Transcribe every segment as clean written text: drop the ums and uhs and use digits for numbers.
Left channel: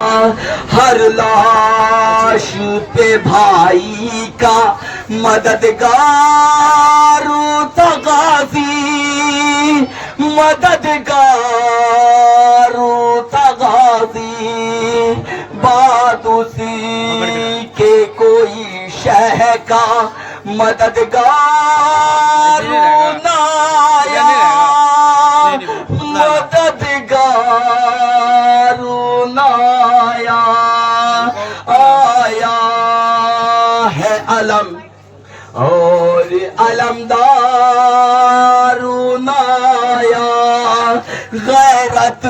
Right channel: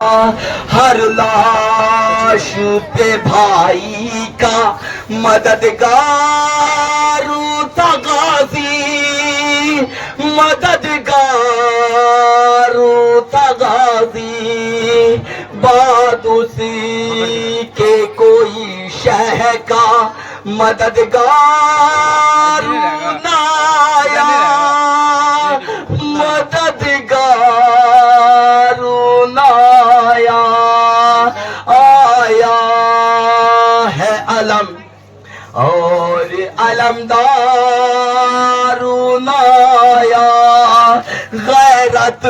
ہر لاش پہ بھائی کا مددگار تھا غازی، مددگار تھا غازی، بات اسی کے کوئی شہ کا مددگار نہ آیا، مددگار نہ آیا، آیا ہے علم اور علمدار نہ آیا، غیرت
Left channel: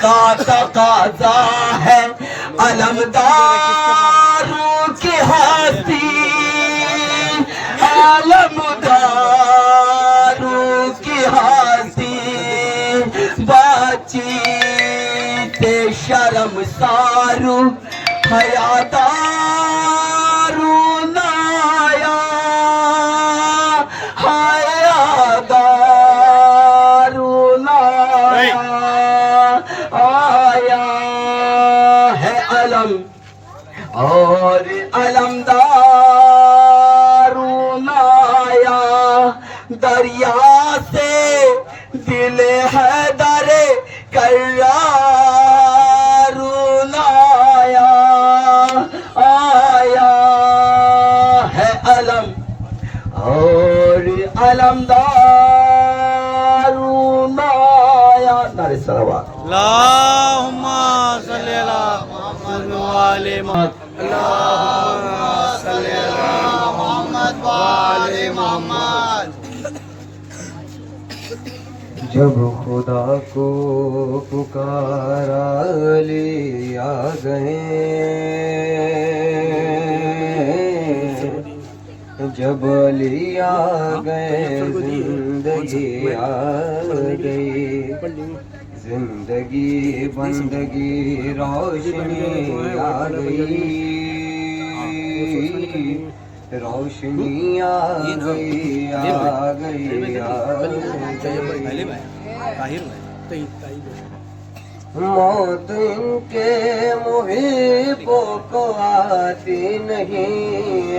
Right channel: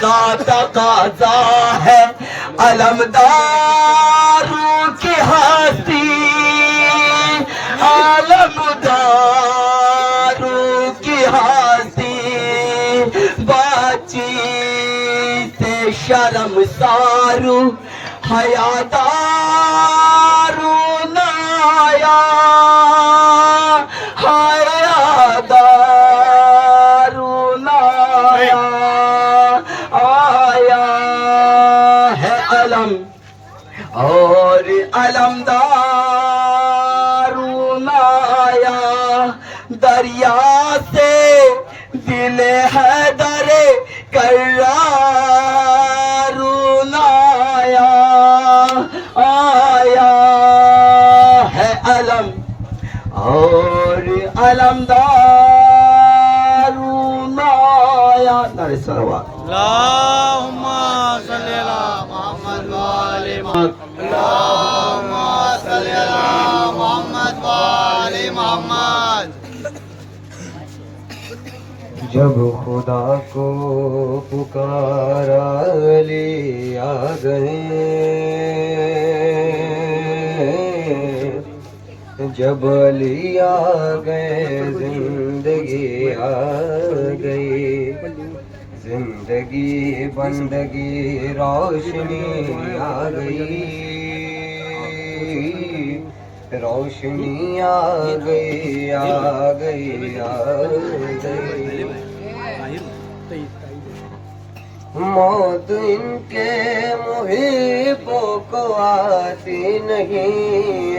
کا تقاضا ہے علمدار کی ہستی، علمدار کی ہستی، باچی سے شرم سارو حیادار نہ آیا، حیادار نہ آیا، آیا ہے علم اور علمدار نہ آیا، دریا سے دل حیدر کرار نہ آیا، آیا ہے علم اور علمدار نہ آیا۔ نعرہ صلوات۔ اللہم صلی اللہ محمد وآل محمد، اللہم صلی اللہ محمد وآل محمد۔ جب خدا کو پکارا علی آ گئے، جب علی آ گئے زندگی آ گئی، زندگی بندگی روشنی آ گئی، روشنی آ گئی، آ گئی، آ گئی۔ موت ان کے محبوں کو آتی نہیں،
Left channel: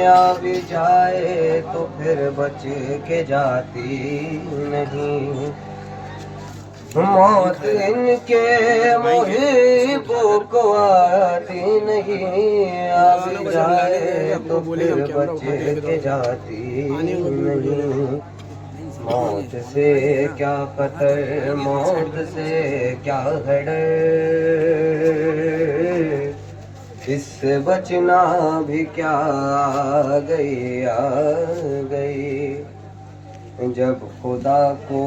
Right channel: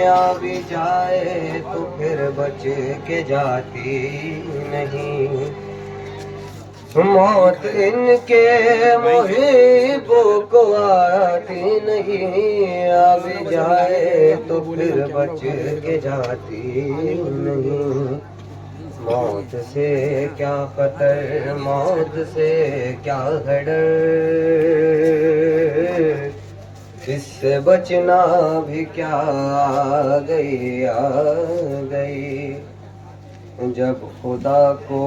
آ بھی جائے تو پھر بچ کے جاتی نہیں، موت ان کے محبوں کو آتی نہیں، آ بھی جائے تو پھر بچ کے جاتی نہیں، موت سے کیا خطر، موت سے کیا ڈر، اس سے بچنا بھی کیا، آ گئی، آ گئی۔ جب خدا کو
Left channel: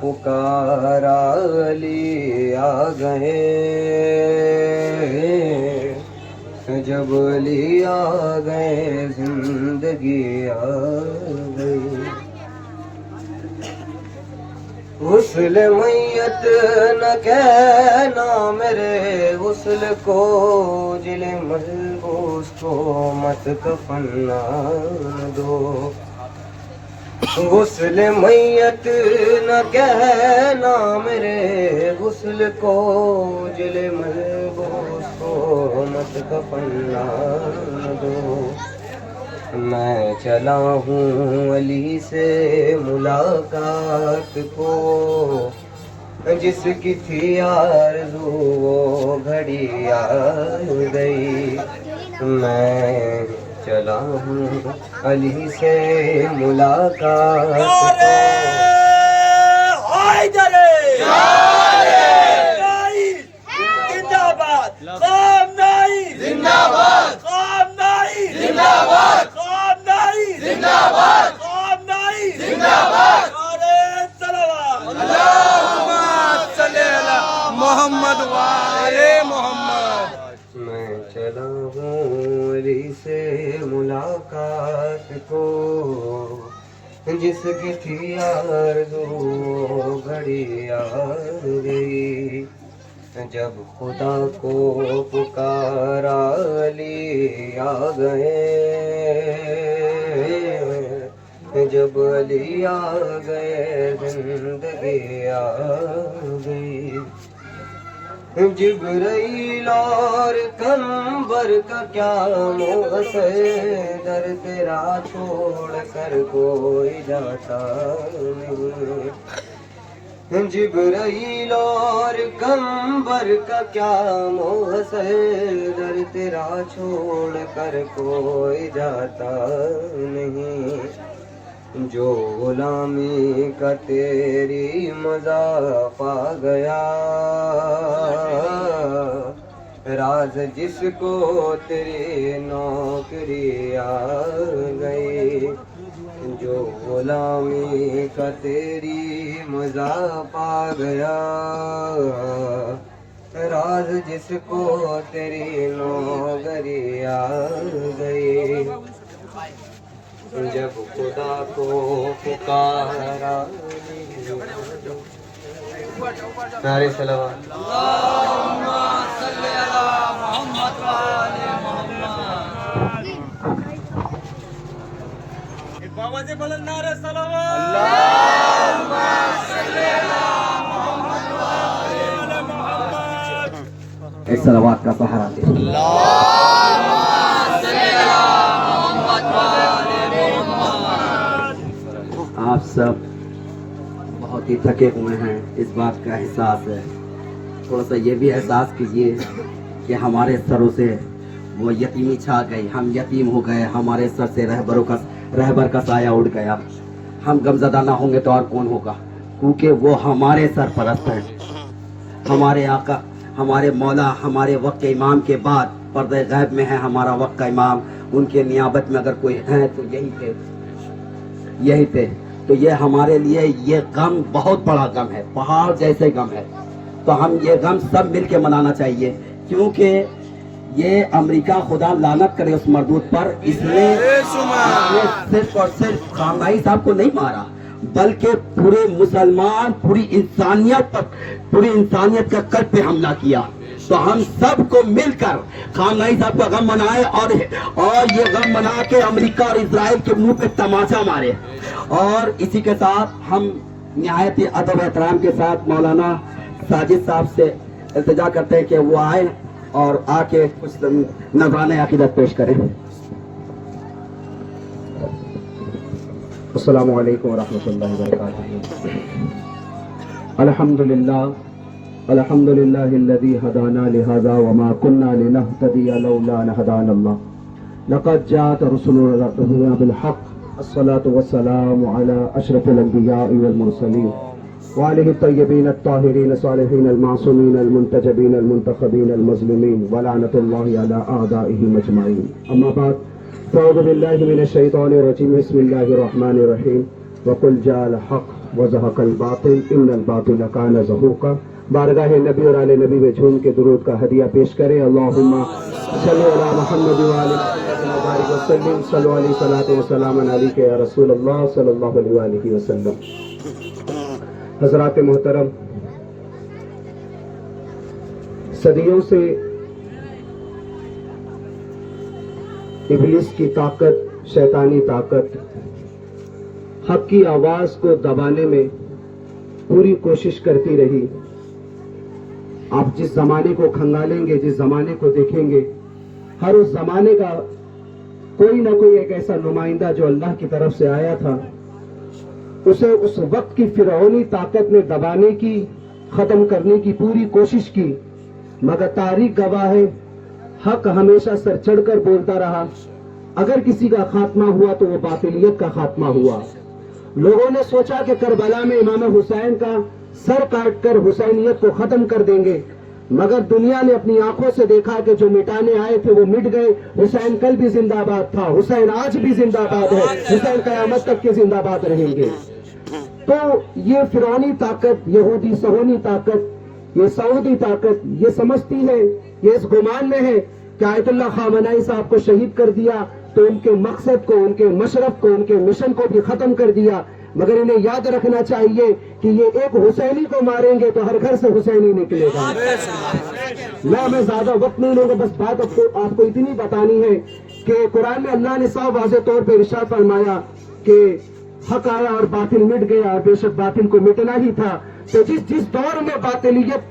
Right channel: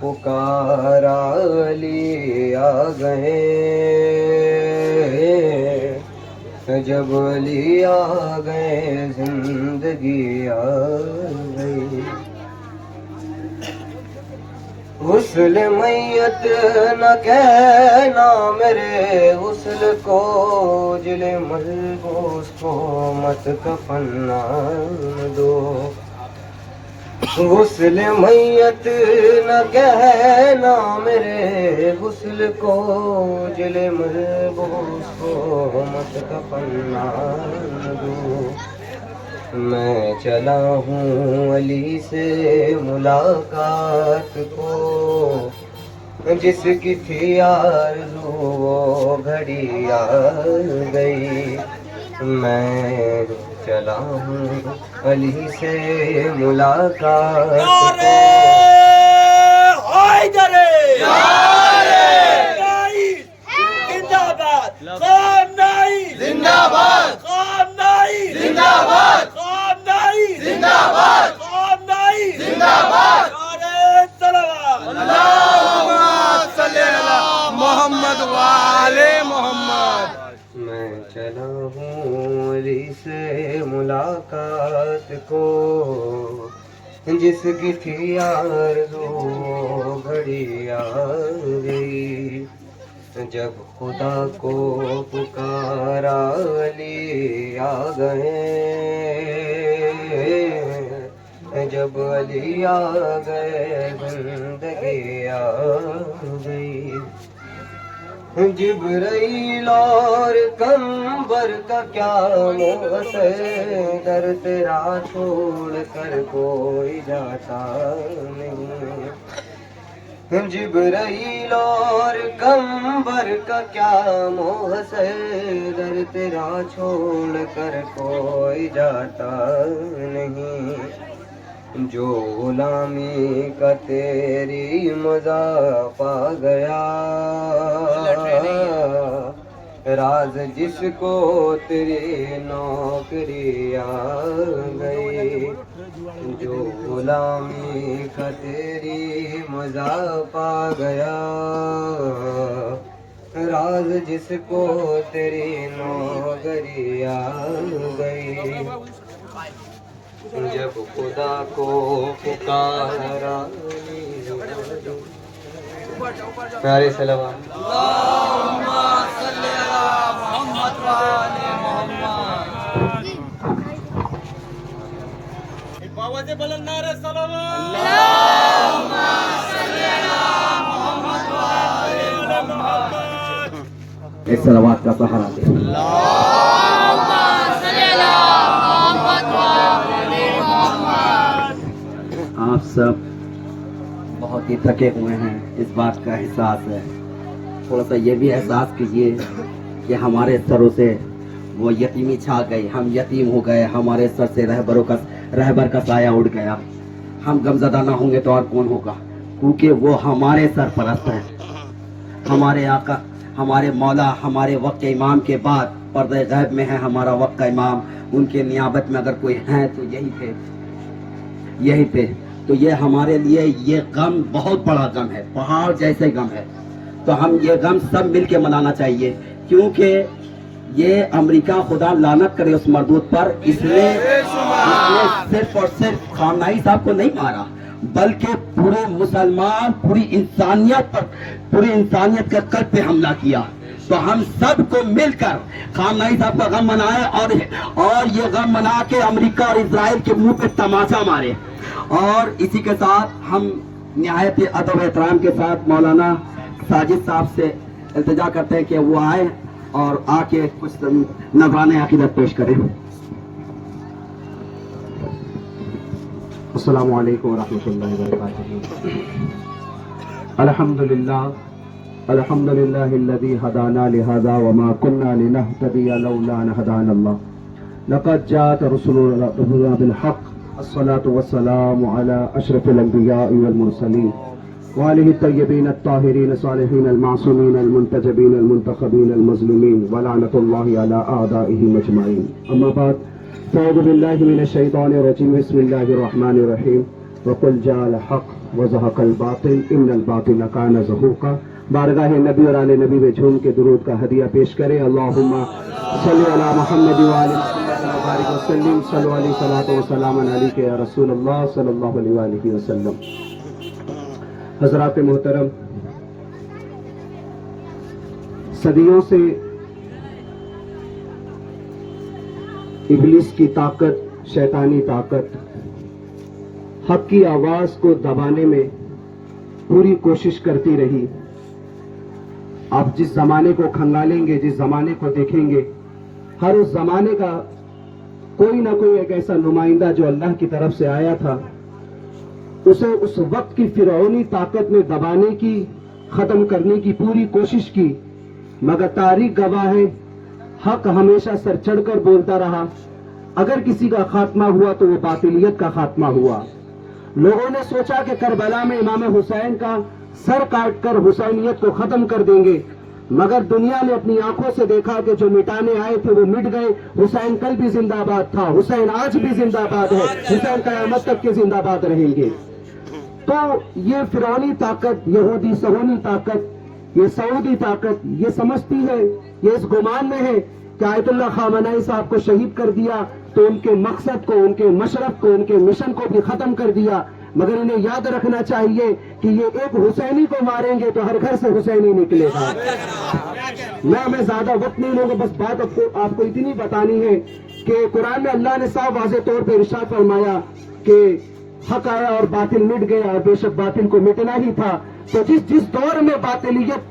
پکارا علی آ گئے، جب علی آ گئے زندگی آ گئی، غسل میت نہ کہنا میرے غسل کو، جل ملبوس کو مت کفن نہ دو، غسل میت نہ کہنا میرے غسل کو، جل ملبوس کو مت کفن نہ دو، میں چلا ہوں علی سے ملاقات کو، جس کی تھی آرزو وہ گھڑی آ گئی، میں چلا ہوں علی سے ملاقات کو۔ محمد وآل محمد۔ میں چلا ہوں علی سے ملاقات کو، جس کی تھی آرزو گھڑی آ گئی، جب خدا کو پکارا علی آ گئے، جب علی آ گئے زندگی آ گئی، جبرائیل اور قمبر کا کیا موس در تیرا چھوڑ کر کوئی جاتا نہیں. جبرائیل اور قمبر کا کیا موس در تیرا چھوڑ کر کوئی جاتا نہیں. جو غلامی کا تیری مزہ پا گیا راز جس کو تیری نوکری آ گئی. جو غلامی کا تیری مزہ پا گیا راز جس کو تیری نوکری آ گئی. جب خدا کو پکارا پیارے سلام اللہم صلی علی محمد و آل محمد. باوازے بلند نعرے صلوات. اللہم صلی علی محمد و آل محمد. ایک صلوات کا سہارا دے. آپ سب بہت ہی تھکے ہوئے ہیں، اس بات کا احساس ہے. تھوڑا سا یہ بھی احساس کیجئے کہ ہمارے سروں سے وہ یتیمی چھا گئی، ہم یتیم ہو گئے، ہمارے سر سے رہبر کا سایہ اڑ گیا. ہم غمزدہ نہ ہوں گے تو اور کون ہوگا، کیونکہ وہ ہمارے سرپرست ہیں، ہمارے آقا، ہمارے مولا، ہمارے وقت کے امام کے بعد پردہ غیب میں ہے ہمارا وقت کا امام. ان کے نیابت میں اگر کوئی ہے تو یہی تھے. تو یہ ہمارے لیے یہ غم بہت بڑا غم ہے، پہاڑ جیسے غم ہے. تو ہم یہ غم سب مل کے منانا چاہیے، کیونکہ یہ امریکہ خدا لعنت کرے اس مردود پر، اس نے صرف اور صرف خامنائی صاحب کو نہیں مارا، بلکہ پورے مسلمان، پوری انسانیت کا قلب پہ حملہ کیا. تو ہم سب کو مل کر خامنائی صاحب کا غم منائے اور یہ غم منا کے امریکہ اور اسرائیل کے منہ پہ تماچا مارے. اور اسی کے ساتھ ہم نہایت ادب و احترام کے ساتھ مولانا ساجد صاحب سے التجا کرتے ہیں کہ وہ آئے اور آ کے کچھ نذرانِ عقیدت پیش کریں. السلام علیکم ورحمۃ اللہ وبرکاتہ. الحمد للہ الذی ہدانا لہذا وما كنا لنهتدی لولا ان هدانا اللہ. لقد جاءت رسلنا بالحق الصلاة والسلام على اشرف الانبیاء والمرسلین وآلہ الطیبین الطاہرین الصالحین المعصومین المنتجبین المنتخبین المظلومین ولعنۃ اللہ علی اعدائهم اجمعین. اما بعد فاعوذ باللہ من الشیطان الرجیم بسم اللہ الرحمن الرحیم وقل جاء الحق وزهق الباطل ان الباطل کان زهوقا. بارگاہ نبی اور آل نبی میں جھوم کے درود کا ہدیہ پیش کریں. اللہم صلی علی محمد و آل محمد وبارک وسلم. صلی علیہ صلاۃ و سلام علیک یا رسول اللہ صلی اللہ علیہ وآلہ وسلم. حضرات محترم، صدیوں سے ابلیس کی طاقت، شیطانی طاقت حق کی آواز کو دبانے میں پوری کوشش کرتی رہی. آپ جس زمانے کو کھنگالیں گے، جس زمانے کو دیکھیں گے، ہر اس زمانے کا کوئی نہ کوئی ایک ایسا نمائندہ جو اللہ کی طرف سے آیا تھا، اسے اس وقت کی فرعونی طاقت نے دبانے کی، ختم کرنے کی پوری کوشش کی، مگر تاریخ گواہ ہے حق ہمیشہ سر چڑھ کر بولتا رہا. اگر کسی کا خاتمہ ہوا تو وہ باطلیت کا خاتمہ ہوا. لوگوں نے سوچا کہ کربلا میں امام حسین کا سر کاٹ کر حسینیت کو ختم کر دیں گے، مگر دنیا نے اپنی آنکھوں سے دیکھا کہ جو مٹانے آئے تھے وہ مٹ گئے. حسین کل بھی زندہ باد تھا، حسین آج بھی زندہ باد ہے، حسین قیامت تک کے زندہ باد رہیں گے. تو یہ فرعونی طاقت، یہودی صہیونی طاقت، یہ سعودی طاقت یہ سمجھتی ہے، یہ اس گمان میں ہے کہ آیت اللہ خامنائی صاحب کو شہید کر دیا تو ان کے مقصد کو، ان کے مشرف کو، ان کے مشن کو بھی ختم کر دیا. مگر انہیں یاد رکھنا چاہیے کہ یہ ایک حسینی کو ماریں گے تو ہر گھر سے حسینی نکلے گا. میں زیادہ وقت نہیں لوں گا، بس بات آپ کو اتنی بتانی ہے کہ قرآن میں اللہ نے صاف واضح طور پہ ارشاد فرمایا کہ حق آیا اور باطل مٹ گیا، اور بے شک باطل کو مٹنا ہی تھا. تو جس دور میں باطلیت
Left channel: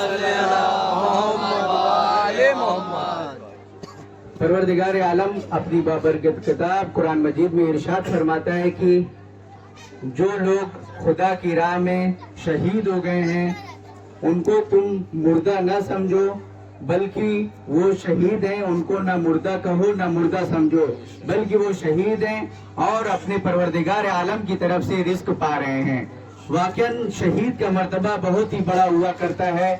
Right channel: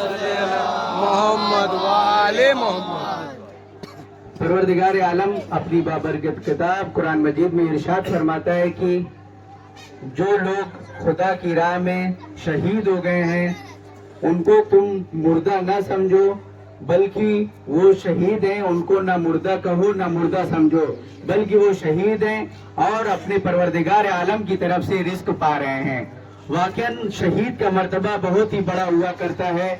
صلی علی محمد و آل محمد. پروردگار عالم اپنی بابرکت کتاب قرآن مجید میں ارشاد فرماتا ہے کہ جو لوگ خدا کی راہ میں شہید ہو گئے ہیں ان کو تم مردہ نہ سمجھو بلکہ وہ شہید ہیں. ان کو نہ مردہ کہو نہ مردہ سمجھو بلکہ وہ شہید ہیں اور اپنے پروردگار عالم کی طرف سے رزق پا رہے ہیں. واقعاً شہید کا مرتبہ بہت ہی بڑا ہوا کرتا ہے.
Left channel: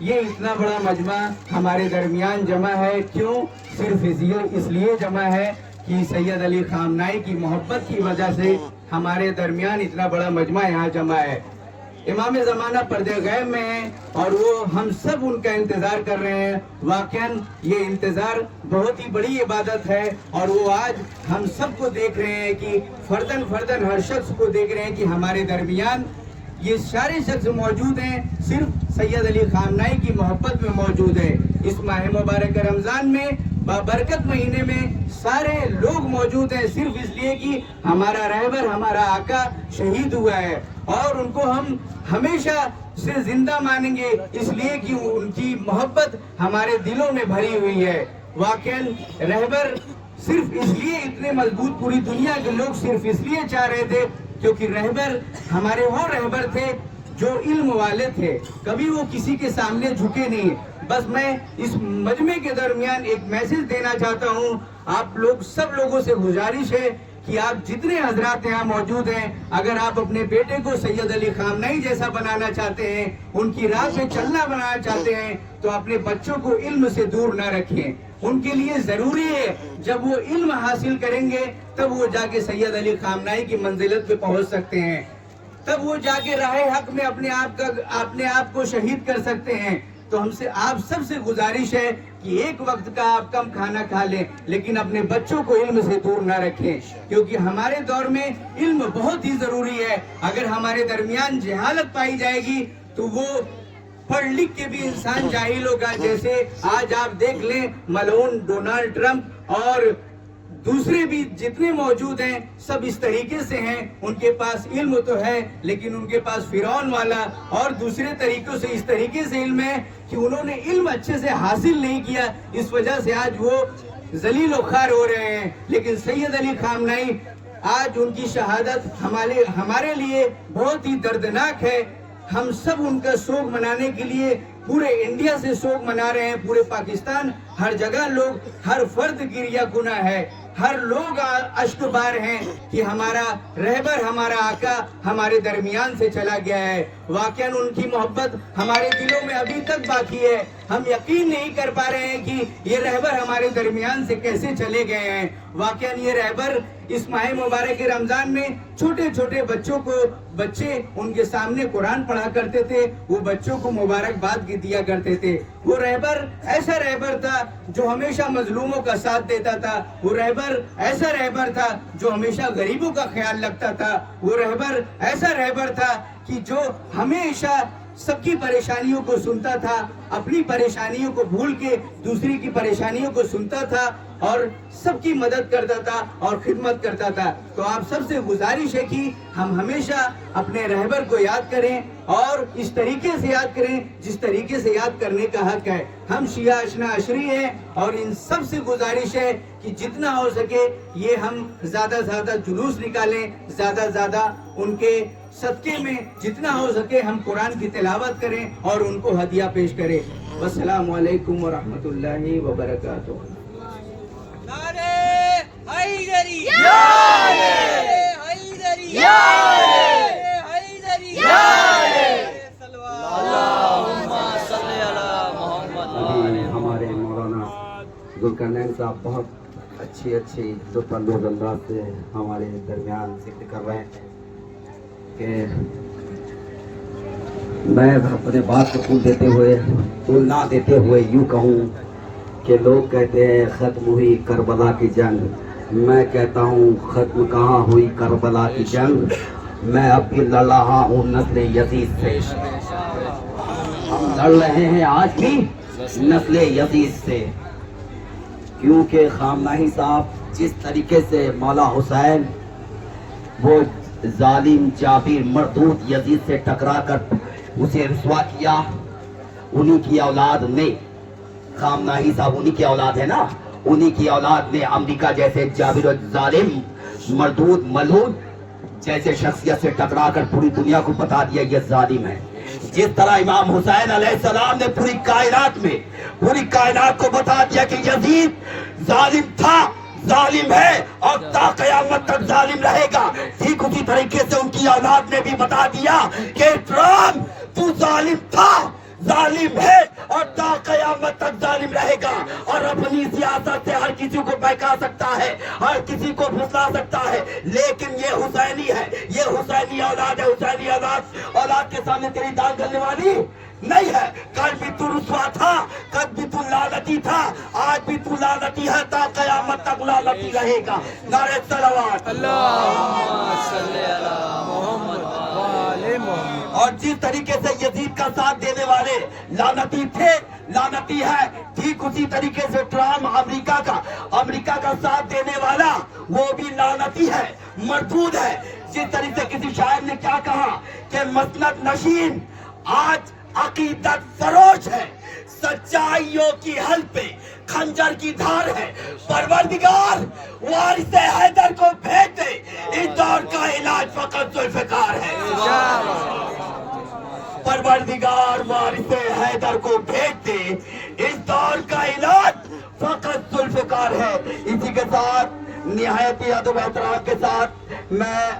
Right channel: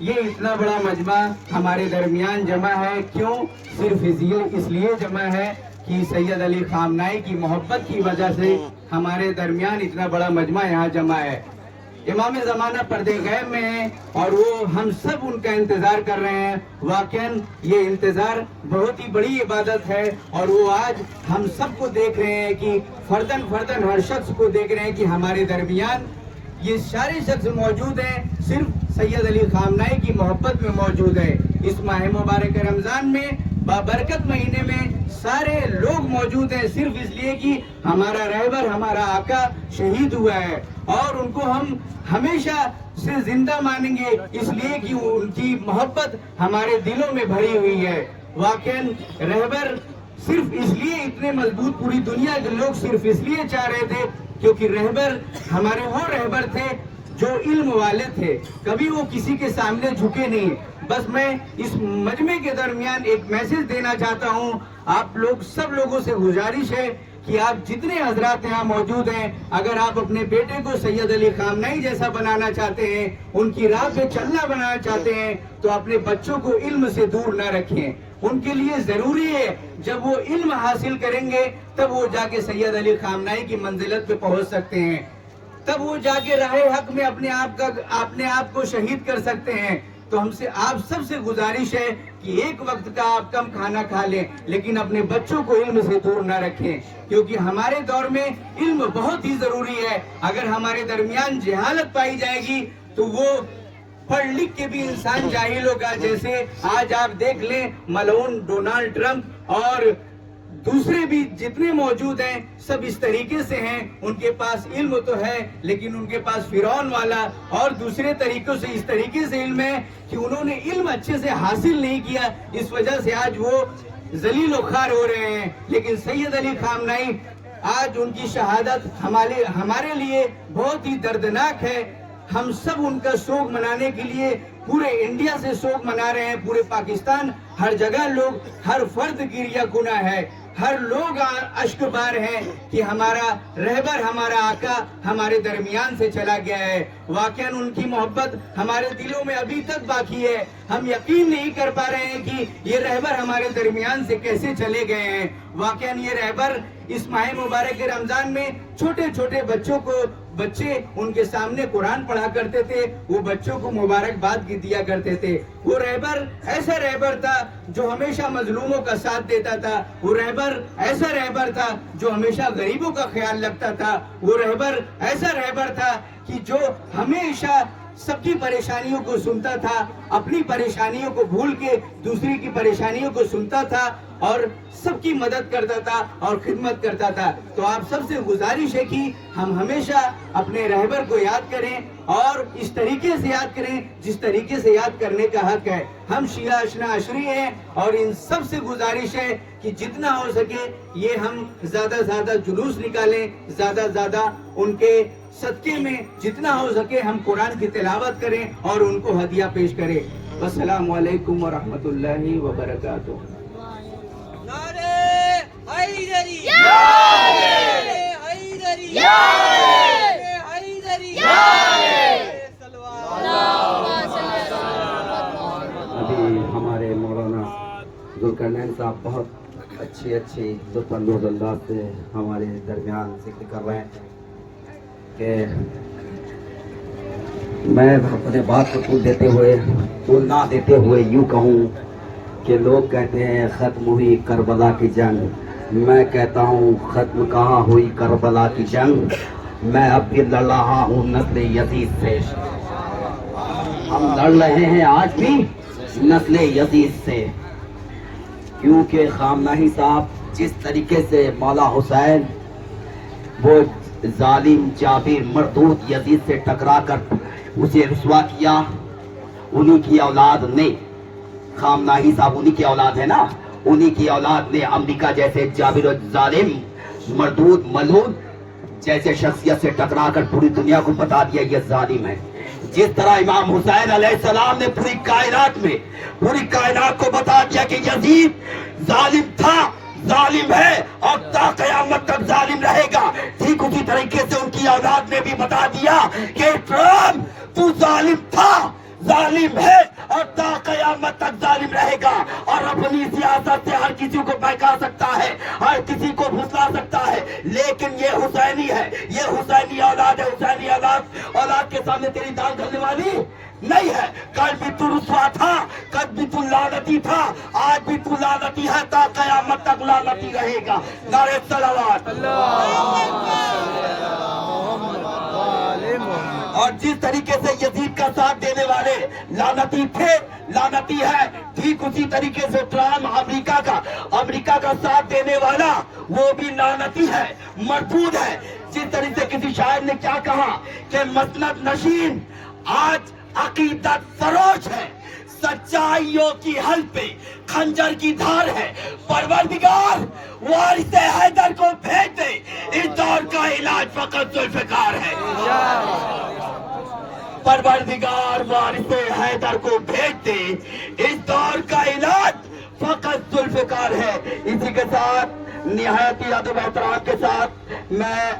یہ اتنا بڑا مجمع ہمارے درمیان جمع ہے کیوں؟ صرف اس لیے جمع ہے کہ سید علی خامنائی کی محبت کی وجہ سے ہمارے درمیان اتنا بڑا مجمع یہاں جمع ہے. امام زمانہ پردے غیب میں ہیں اور وہ ہم سب ان کا انتظار کر رہے ہیں. واقعاً یہ انتظار بہت ہی بڑی عبادت ہے اور وہ آج ہم سب کو دیکھ رہے ہیں کہ فردن فردن ہر شخص کو دیکھ رہے ہیں کہ ہمارے درمیان یہ سارے شخص موجود ہیں صرف سید علی خامنائی کی محبت میں موجود ہیں. اس ماہ مبارک رمضان میں بابرکت مہینے میں سارے لوگ موجود ہیں صرف اس لیے کہ ہمارا رہبر ہمارا آقا شہید ہوا ہے اور ان کو ہم ہمیشہ سے زندہ مانیں گے اس لیے کہ ان کی محبت ہمارے دلوں میں بھری ہوئی ہے. واقعاً رہبر صرف اس لیے اتنے مضبوط پوری دنیا کے لوگ صرف اس لیے چاہ رہے تھے کیونکہ رہبر ہمارے وہ رہبر تھے جو علم والے تھے. کبھی وہ کسی کے سامنے جھکے نہیں. بس میں اس مجمع کے درمیان ایک میسج دینا چاہتا ہوں. آپ لوگ سب لوگوں سے گزارش ہے کہ آپ جتنے حضرات یہاں موجود ہیں اگر آپ اپنے بیٹے کو سید علی خامنائی جیسا بنانا چاہتے ہیں ان کی راہ پہ چلنا بنانا چاہتے ہیں تو اپنے بچوں کو علم سے دور نہ رکھیں. ان کے لیے ضروری ہے جب وہ علم حاصل کریں گے تب وہ جا کے سید علی خامنائی کی منزلت پہ پہنچ سکتے ہیں. تب وہ جا کے راہ حق میں اپنے آپ کو شہید کر سکتے ہیں. تو ہم سے آپ سب سے گزارش ہے کہ ایک وقت کا آپ کم کھانا کھا لیں لیکن اپنے بچوں کو علم سے دور نہ رکھیں کیونکہ ہمارے دور میں علم بہت ہی ضروری ہے. اگر ہمارے درمیان جہالت پائی جائے گی تو وہ پڑھ لکھ کے بھی انسان جاہل ہوگا. جیسے آج آپ دیکھ لیں ملعون ڈونالڈ ٹرمپ اور دوسرے بھی جتنے موجود ہیں سب اس طریقے سے ہیں. ان کے پاس علم تو ہے لیکن ان کے پاس فرعون والا اور دوسرے طریقوں سے اس طریقے سے علم ہے کہ انہوں نے علم اچھے سے حاصل نہیں کیا. اس وجہ سے آج وہ ذلیل و خوار ہو رہے ہیں. لیکن سید علی خامنائی آج ان کی شہادت ہمارے لیے بہت ہی دردناک ہے. ہم سب ان کا سوگ منانے کے لیے پورے انڈیا سے سوگ منا رہے ہیں. پورے پاکستان ہر جگہ لوگ ہر فرد گریہ گناہ ہے. ہر لوگ اشک بار ہیں کہ ہمارا رہبر ہمارا آقا ہمارے درمیان سے چلا گیا ہے. واقعاً ان کی محبت ہمارے دلوں میں ابھی تک باقی ہے. ہم یقین نہیں کر پا رہے ہیں کہ یہ رہبر ہمارے درمیان سے کیسے چلے گئے ہیں. واقعاً یہ رہبر اس ماہ مبارک رمضان میں چھوٹے چھوٹے بچے ان کے سامنے قرآن پڑھا کرتے تھے. وہ بچوں کو مبارکباد دیا کرتے تھے. وہ رہبر ایسا رہبر تھا جو ہمیشہ مظلوموں کا ساتھ دیتا تھا. وہ رہبر ایسا رہبر تھا جو ہمیشہ غریبوں کا خیال رکھتا تھا. وہ رہبر ایسا رہبر تھا کہ جو ہمیشہ سب کی پریشانیوں کو سنتا تھا. اپنی پریشانیوں کو بھول کے دوسری کی پریشانیوں کو سنتا تھا اور سب کی مدد کرتا تھا اور خدمت کرتا تھا. تو آپ سب سے گزارش ہے کہ ہم ہمیشہ اپنے رہبر کو یاد کریں اور اس طریقے سے یاد کریں جس طریقے سے یاد کرنے کا حق ہے. ہم شیعہ اشنا عشری ہیں اور ان سب سے گزارش ہے کہ جتنا ہو سکے یہ ہم زیادہ زیادہ جلوس نکالیں. زیادہ ان کے صدقے میں جتنا ہو سکے ہم قرآن کی تلاوت کریں اور ان کو ہدیہ پیش کریں. والسلام علیکم ورحمۃ اللہ وبرکاتہ. ابھی ہمارے مولانا ذوالقرنین صاحب بہت اچھی لطف اندوز انداز سے ہمارے درمیان ذکر کر رہے ہیں کہ میں اپنے بات کو پھول نہ دیتے ہوئے یوں کہوں کہ لوگ کہتے ہیں ختم ہوئی کربلا کی جنگ. میں کہتا ہوں ختم کہاں ہوئی کربلا کی جنگ. میں اب بھی لڑ رہا ہوں نسل یزید سے. ہم لڑ رہے ہیں آج بھی نسل یزید سے کیونکہ خامنائی صاحب جس طریقے سے مولا حسین وہ ظالم جابر مردود یزید سے ٹکرا کر اسے رسوا کیا انہی کی اولاد نے خامنائی صاحب انہی کی اولاد ہے نا, انہی کی اولاد نے امریکہ جیسے جابر الظالم مردود ملعون جیسے شخصیت سے ٹکرا کر پوری دنیا کو بتا دیا یہ ظالم ہے. جس طرح امام حسین علیہ السلام نے پوری کائنات کو بتا دیا کہ یزید ظالم تھا, ظالم ہے اور تا قیامت تک ظالم رہے گا, ٹھیک اسی طریقے سے ان کی اولاد نے بھی بتا دیا کہ ٹرمپ تو ظالم تھا, ظالم ہے اور تا قیامت تک ظالم رہے گا, اور اپنی سیاست سے ہر کسی کو بہکا سکتا ہے, ہر کسی کو پھسلا سکتا ہے, لیکن یہ حسینی ہے, یہ حسینی اولاد ہے, حسینی اولاد کے سامنے تیری دان کرنے والی نہیں ہے. کل بھی تو رسوا تھا, کل بھی تو لعنتی تھا, آج بھی تو لعنتی ہے, تا قیامت تک لعنتی رہے گا. نعرہ صلوات. اور جس طریقے سے یزید کا ساتھ دینے والے لعنتی تھے, لعنتی ہے, ٹھیک اسی طریقے سے ٹرمپ امریکہ کا ساتھ دینے والا وہ بھی لعنتی ہے, مردود ہے. جس طریقے سے کسی شاعر نے کیا کہا کہ مسند نشین آج عقیدت فروش ہے, سچائیوں کی حل پہ خنجر کی دھار ہے. پروردگار وارث حیدر کو بھیج دے, اس دور کا علاج فقط ذوالفقار ہے. پروردگار وارث حیدر کو بھیج دے, اس دور کا علاج فقط ذوالفقار ہے. اسی کے ساتھ نہایت ہی ادب و احترام کے ساتھ میں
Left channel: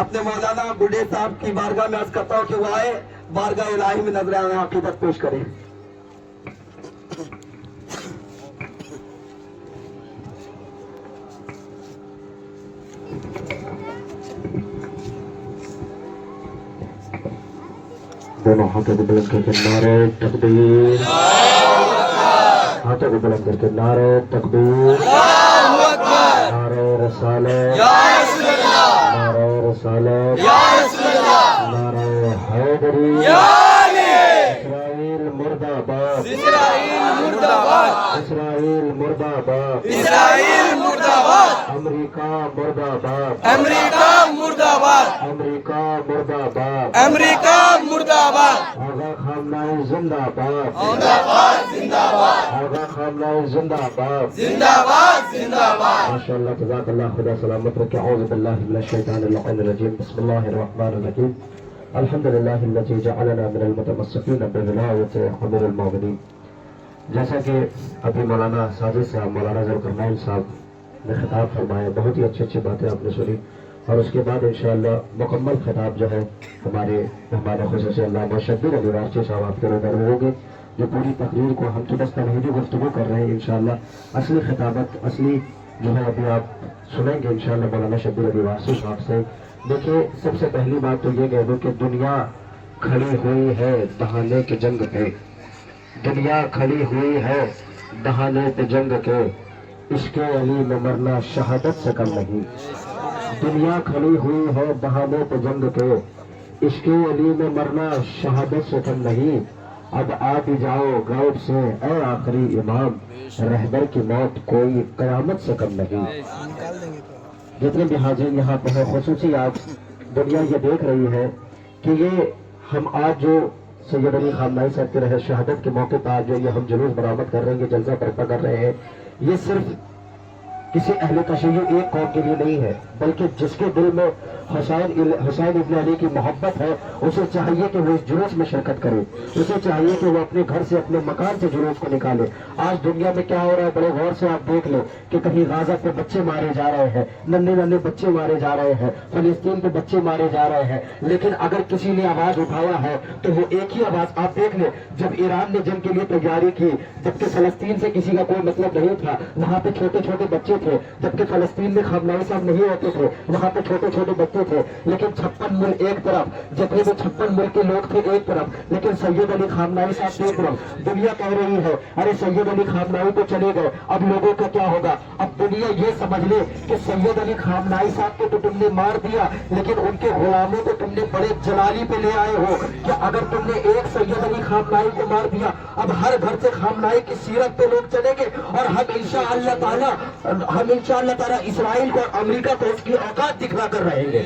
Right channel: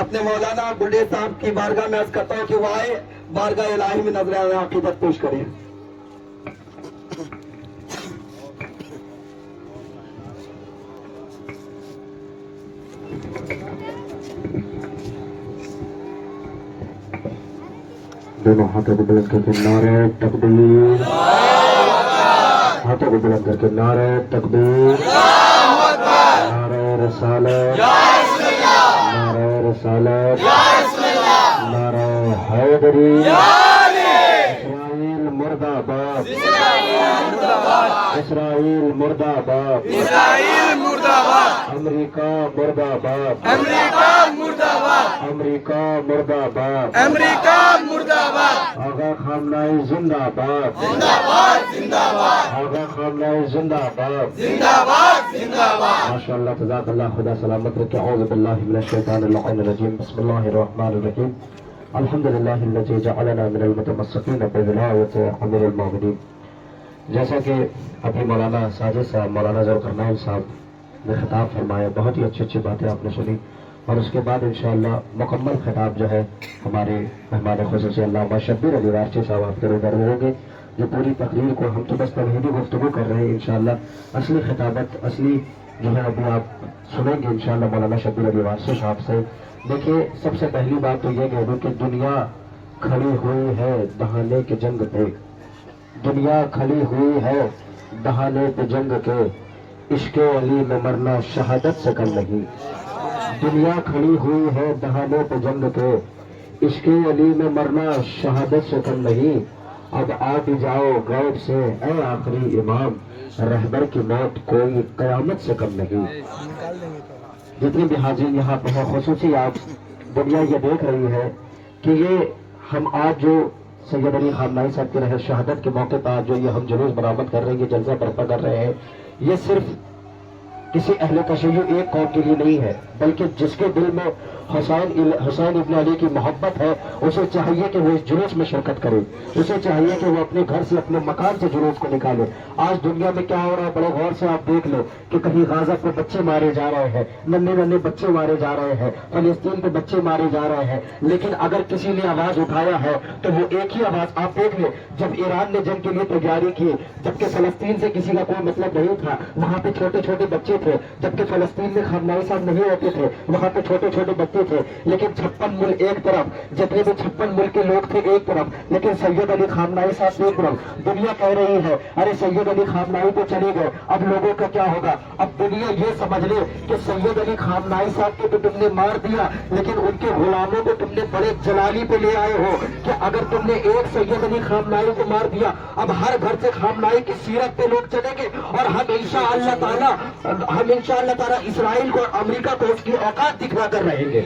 اپنے مولانا بڈھے صاحب کی بارگاہ میں عرض کرتا ہوں کہ وہ آئے بارگاہ الہی میں نذرانہ عقیدت پیش کریں. دونوں ہاتھوں کو بلند کر کے نعرہ تکبیر, ہاتھوں کو بلند کر کے نعرہ تکبیر, نعرہ رسالت, نعرہ رسالت, نعرہ حیدری, اسرائیل مرد آباد, اسرائیل مرد آباد, اسرائیل مرد آباد, امریکہ مرد آباد, امریکہ مرد آباد, امریکہ مرد آباد, امریکہ مرد آباد, آغا خامنہء زندہ آباد, زندہ باد, زندہ باد, آغا خامنہء زندہ آباد, زندہ باد, زندہ باد. ماشاء اللہ جزاک اللہ, خدا سلامت رکھے. اعوذ باللہ من الشیطان اللعین الرجیم, بسم اللہ الرحمن الرحیم. الحمدللہ الذی جعلنا من المتمسکین بولایۃ امیر المؤمنین. جیسا کہ ابھی مولانا ساجد صاحب, مولانا ذوالقرنین صاحب نے خطاب فرمایا, بہت ہی اچھی باتیں آپ نے سنی, اور اس کے بعد انشاءاللہ مکمل خطاب جو ہے ہمارے مہمان خصوصی علامہ شبیر علی وارچی صاحب آپ کے روبرو میں ہوں گے. جو پوری تقریر کو ہم تو بس تمہیدی گفتگو کر رہے ہیں, انشاءاللہ اصلی خطابت اصلی جو ہے ابھی آپ سنیں گے انشاءاللہ مولانا شبیر علی وارچی صاحب سے. دیکھیے, سب سے پہلی بات تو یہ کہہ دوں کہ دنیا کھڑی ہوئی ہے دہانے کے جنگ پہ, دنیا کھڑی ہوئی ہے دہانے پہ جنگ کے, عشق علی میں مرنا شہادت سے کم نہیں. دنیا کھڑی ہوئی ہے دہانے پہ جنگ کے, عشق علی میں مرنا شہادت سے کم نہیں. اب آ بھی جاؤ غیب سے اے آخری امام, رہبر کی موت کوئی قیامت سے کم نہیں. جتنے بھی حاضرین یہاں پہ ہیں, خصوصی آج دنیا یہ دیکھ رہی ہے کہ یہ ہم آج جو سید علی خامنہئی صاحب کی رہے شہادت کے موقع پر جو یہ ہم جلوس برآمد کر رہے ہیں, یہ جلسہ برپا کر رہے ہیں, یہ صرف کسی اہل تشیع ایک قوم کے لیے نہیں ہے, بلکہ جس کے دل میں حسین ابن علی کی محبت ہے اسے چاہیے کہ وہ اس جلوس میں شرکت کرے, اسے چاہیے کہ وہ اپنے گھر سے اپنے مکان سے جلوس کو نکالے. آج دنیا میں کیا ہو رہا ہے, بڑے غور سے آپ دیکھ لو کہ کہیں غزہ پہ بچے مارے جا رہے ہیں, ننھے بچے مارے جا رہے ہیں, فلسطین پہ بچے مارے جا رہے ہیں, لیکن اگر کسی نے آواز اٹھایا ہے تو وہ ایک ہی آواز. آپ دیکھ لیں جب ایران نے جنگ کے لیے تیاری کی, جبکہ فلسطین سے کسی کا کوئی مطلب نہیں تھا, وہاں پہ چھوٹے چھوٹے بچے تھے, جبکہ فلسطین میں خامنہئی صاحب نہیں ہوتے تھے, وہاں پہ چھوٹے چھوٹے بچے تھے, لیکن 56 ملک ایک طرف, جتنے بھی 56 ملک کے لوگ تھے ایک طرف, لیکن سید علی خامنہئی صاحب ایک طرف. دنیا کہہ رہی ہے ارے سید علی خامنہئی تو چلے گئے, اب لوگوں کا کیا ہوگا؟ اب دنیا یہ سمجھ لے کہ سید علی خامنہئی صاحب کو تو تم نے مار دیا, لیکن ان کے غلاموں کو تم نے بڑے جلالی پہ لے آئے ہو کہ اگر تم نے ایک سید علی خامنہئی کو مار دیا, اب ہر گھر سے خامنہئی کی سیرت پہ لوگ چلیں گے, اور ہم انشاءاللہ تعالی اسرائیل کو اور امریکہ کو اس کی اوقات دکھا کر رہیں گے.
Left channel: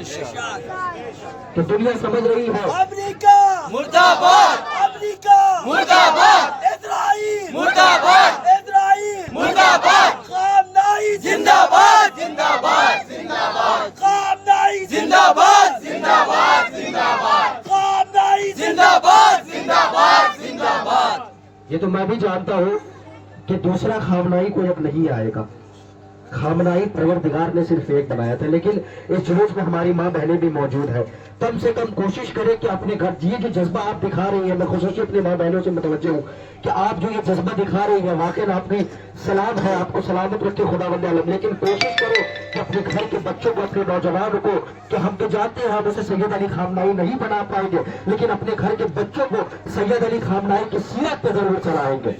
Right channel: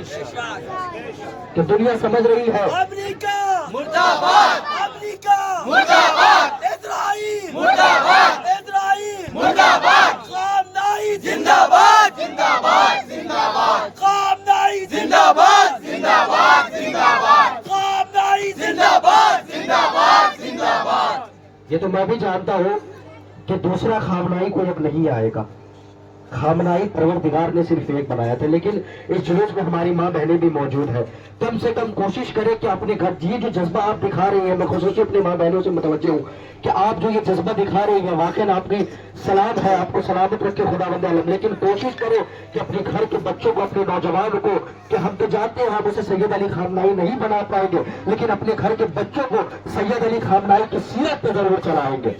کہ دنیا سمجھ رہی ہے امریکہ مرداباد، امریکہ مرداباد، اسرائیل مرداباد، اسرائیل مرداباد، خامنائی زندہ باد، زندہ باد، زندہ باد، خامنائی زندہ باد، زندہ باد، زندہ باد، خامنائی زندہ باد، زندہ باد، زندہ باد۔ یہ تو میں بھی جانتا ہوں کہ دوسرا خامنائی کوئی اب نہیں آئے گا. خامنائی پروردگار نے صرف ایک بنایا تھا، لیکن اس جلوس میں ہماری ماں بہنیں بھی موجود ہیں. کم سے کم کوشش کریں کہ اپنے گھر یہ جو جذبہ آپ دکھا رہی ہیں، میں خصوصی اپنی ماں بہنوں سے متوجہ ہوں کہ آپ جو یہ جذبہ دکھا رہی ہیں واقعی آپ کی سلام ہے، آپ کو سلامت رکھے خدا بند عالم. لیکن کوشش کرو کہ اپنے گھر کے بچوں کو، اپنے نوجوانوں کو، کہ ہم تو جانتے ہیں ہم اسے سید علی خامنائی نہیں بنا پائیں گے، لیکن اپنے گھر کے بچوں کو سید علی خامنائی کی سیرت پہ ضرور چلائیں گے.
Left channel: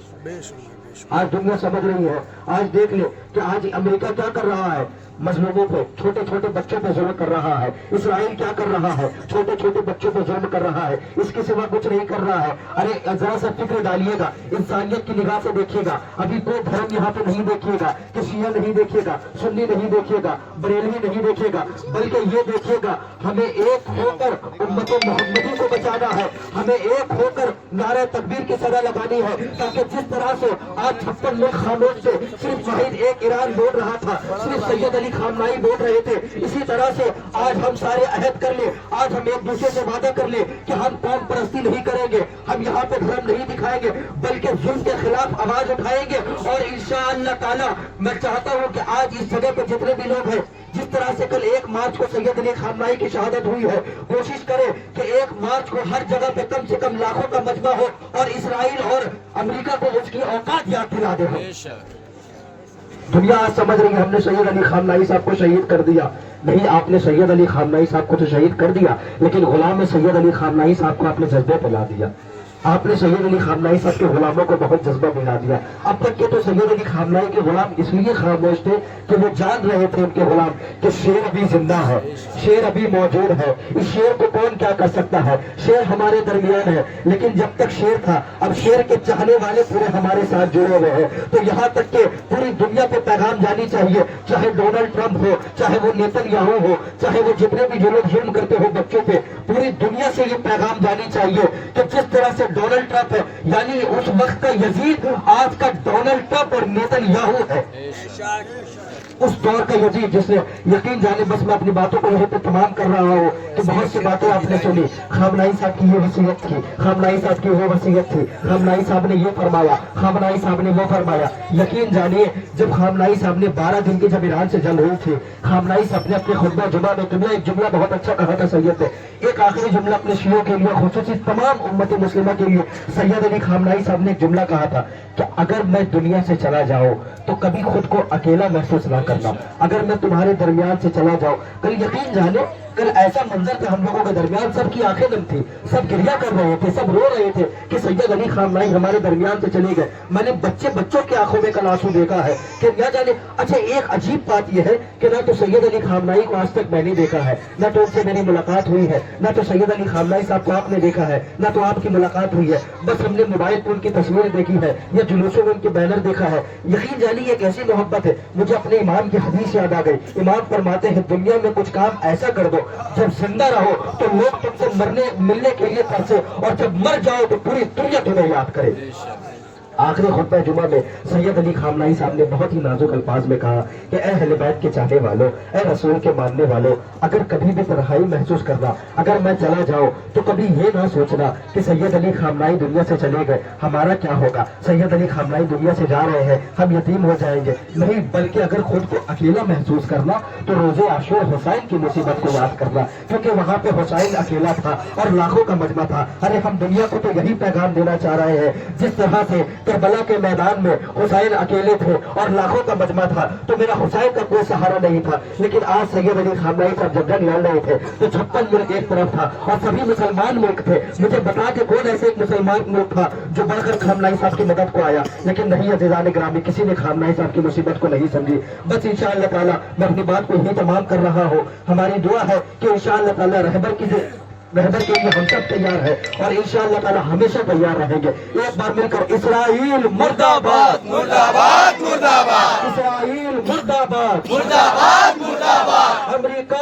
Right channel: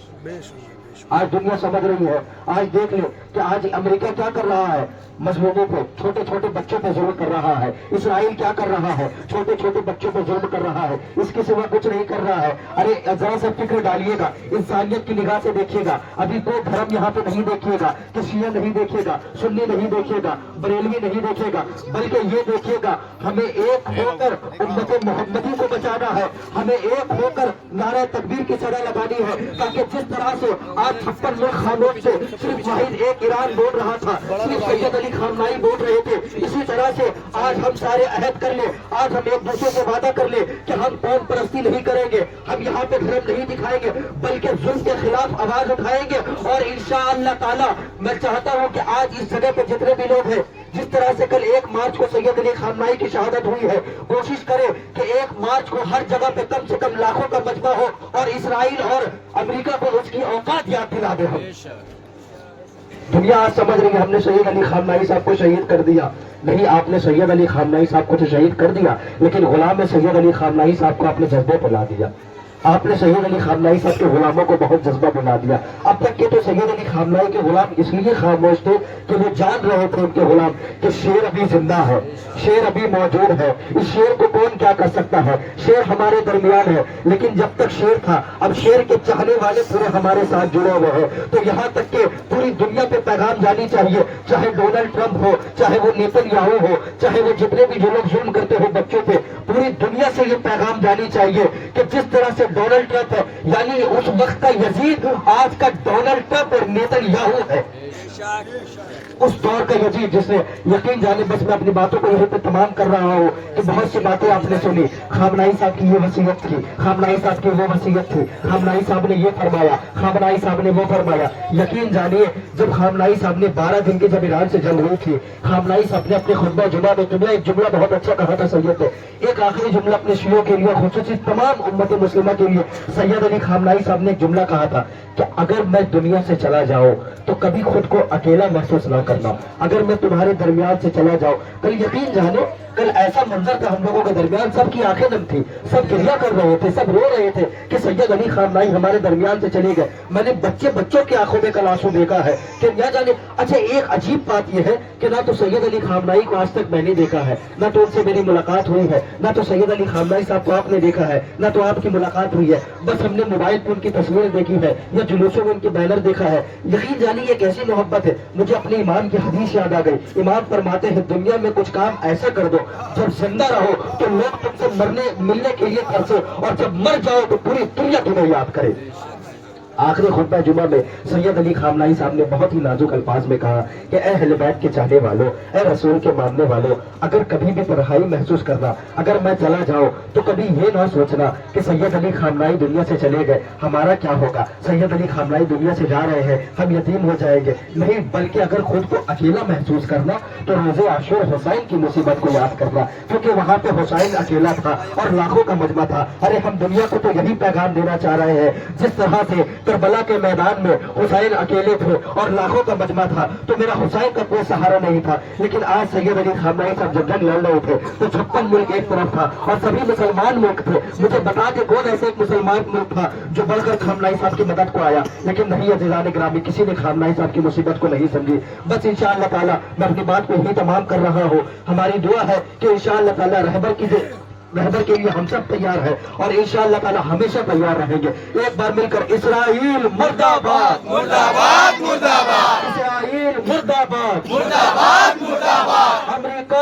آج دنیا سمجھ رہی ہے. آج دیکھ لیں کہ آج امریکہ کیا کر رہا ہے، مظلوموں کو، چھوٹے چھوٹے بچوں پہ ظلم کر رہا ہے. اسرائیل کیا کر رہا ہے، چھوٹے چھوٹے بچوں پہ ظلم کر رہا ہے. اس کے سوا کچھ نہیں کر رہا ہے. ارے ذرا سا فکر ڈالیے گا، انسانیت کی نگاہ سے دیکھیے گا. ابھی کوئی دھرم یہاں پہ نہیں دیکھیے گا کہ شیعہ نہیں دیکھیے گا، سنی نہیں دیکھیے گا، بریلوی نہیں دیکھیے گا، بلکہ یہ دیکھیے گا ہمیں ایک ہو کر امت محمدی کو بچانا ہے. ہمیں ایک ہو کر نعرہ تکبیر کی صدا لگانی ہے، تاکہ جس طرح سے آج 56 ملک خاموش سے صرف واحد ایک ایران بول رہا تھا، صرف سید علی خامنائی بول رہے تھے، اسی طرح سے آج ہم سارے عہد کر لیں. آج ہم ایک دوسرے سے وعدہ کر لیں کہ ہم قوم پرستی نہیں کریں گے، ہم یہاں پہ دھرم نہیں دکھائیں گے، بلکہ ظلم کے خلاف آواز اٹھائیں گے. اور انشاءاللہ تعالی میں چاہتا ہوں کہ آج اس جگہ پہ جتنے بھی لوگ ہیں، جس طرح سے کل 1 مارچ کو سید علی خامنائی کی شہادت ہوئی ہے، کوشش کریں کہ 1 مارچ کو ہر جگہ پہ کم سے کم لاکھوں کا مجمع ہو اور اسرائیل اور امریکہ کو اس کی اوقات یاد دلا دے. دنیا آج سمجھ رہی ہے ہم نے سید علی خامنائی صاحب کو شہید کر دیا. نہیں، آپ نے سید علی خامنائی صاحب کو تو شہید کر دیا، لیکن غلام سید علی خامنائی صاحب کو آپ نے جذبے پہ لا دیا. آپ نے سید علی خامنائی صاحب کے غلاموں کو بہت جذبہ دلا دیا. اب تک کے تو سید علی خامنائی کے غلام اس لیے خاموش تھے کہ وہ جان رہے تھے ان کے غلام کہ شیر ابھی زندہ ہے، شیر ابھی موجود ہے. اس شیر کو کون کیا کر سکتا ہے، شیر ہمارے درمیان ہے. لیکن جب تک شیر تھا، اب شیر کے چاہنے والے پورے ہمارے ساتھ جڑے ہوئے ہیں. تو یہاں تک کہ پوری دنیا پہ پیغام جانی چاہیے، چاہے ڈونلڈ ٹرمپ ہو، چاہے وہ نیتن یاہو ہو، چاہے وہ جتنے بھی جو لوگ ظلم کرتے ہو بچوں پہ، پوری دنیا سے یہ پیغام جانی چاہیے کہ جس طرح سے ڈونلڈ ٹرمپ ہے، یعنی اس وقت کا یزید آج کا ڈونلڈ ٹرمپ اور نیتن یاہو ہے. اس دور کا یزید جس نے یقین جانے. بس میں اپنی باتوں کو یہیں پہ تمام کر رہا ہوں کہ بہت سی باتیں آپ نے سنی. خامنائی صاحب کی یہ وصیت تھی، خامنائی صاحب کی وہ وصیت تھی، خامنائی صاحب نے یہ فرمایا، خامنائی صاحب نے وہ فرمایا. یقین جانیے جب خامنائی صاحب نے 12 دن کی جب ایران سے جنگ ہوئی تھی، خامنائی صاحب نے اپنے خطبہ جمعہ میں ایک جملہ بہت اچھا کہا تھا سید نے. ایک آخری جملہ اپنے شیعوں کے لیے، خصوصی تمام امت مسلمہ کے لیے، سید علی خامنائی صاحب نے ایک جملہ کہا تھا کہ اگر میں دنیا سے چلا جاؤں تو کبھی خود کو اکیلا محسوس نہ کرنا. اگر میں تمہارے درمیان سے چلا جاؤں، کل یقین جانو کل ایسا منظر تھا ہم لوگوں کے درمیان، سب کی آنکھیں نم تھی، سب گریہ کر رہے تھے، سب رو رہے تھے کہ سید علی خامنائی ہمارے درمیان سے چلے گئے. میں نے بچوں کی آنکھوں میں کل آنسو دیکھا ہے کہ نہ جانے. اچھا ایک عجیب بات یہ ہے کہ نہ تو سید علی خامنائی کو آج تک میں نے دیکھا ہے، نہ تو ان سے میری ملاقات ہوئی ہے، نہ تو سید علی خامنائی صاحب کو آپ نے دیکھا ہے، نہ تو آپ کی ملاقات ہوئی ہے. بس ہم نے موبائل پہ ان کی تصویر دیکھی ہے یا جلوسوں میں ان کے بینر دیکھا ہے. یقین جانیے یہ کیسی محبت ہے. مجھے اپنے امام کی حدیث یاد آ گئی. امام فرماتے ہیں دنیا میں کچھ کام ایسا کر دو جب زندہ رہو تو لوگ تم سے ملنے کے لیے ترسے، اور جب مر جاؤ تو پوری دنیا تمہیں یاد کرے. آخری خطبہ جمعہ میں سید علی خامنائی صاحب نے بہت ہی نازک الفاظ میں کہا کہ اے اہل بیت کے چاہنے والوں، اے رسول کے ماننے والوں، اگر کبھی بھی تنہائی محسوس کرنا، اگر میں چلا جاؤں تو کبھی یہ نہ سوچنا کہ سید علی خامنائی دنیا سے چلے گئے ہمارا کیا ہوگا، سید علی خامنائی دنیا سے جا رہے ہیں ہم یتیم ہو جائیں گے. نہیں، بلکہ اگر خود کو اکیلا محسوس کرنا تو روز عاشور حسین کی مصیبت کو یاد کرنا، کیونکہ وہاں پہ حسین اکیلا تھا اور لاکھوں کا مجمع تھا. ارے ہم دنیا کو تو یہی پیغام دینا چاہ رہے ہیں، جس طرح سے کربلا کے میدان میں حسین اکیلے تھے اور لاکھوں کا مجمع تھا تو میرا حسین کا کوئی سہارا نہیں تھا. لیکن آج سید علی خامنائی صاحب جب جنگ لڑ رہے تھے تو 56 ملک ایک طرف تھا اور سبھی مسلمان ملک تھے. مجھے بتا کہ کون ایسے ایک مسلمان ملک تھا جو بڑھ کر خامنائی صاحب کی مدد کو آیا. لیکن نہیں عزیزان گرامی، کسی نے خامنائی صاحب کی مصیبت کو نہیں سمجھی. بس انشاءاللہ تعالی میں اپنی بات کو یہی تمام کر رہا ہوں. ہماری دعا ہے کہ انشاءاللہ تعالی رہبر کے لیے ہم سب تیار ہیں اور انشاءاللہ تعالی ہمیشہ تیار رہیں گے. ایک بار مل کر اسرائیل مرد آباد، مرد آباد، مرد آباد، اسرائیل مرد آباد، مرد آباد، مرد آباد. امریکہ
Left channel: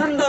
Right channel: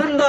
زندہ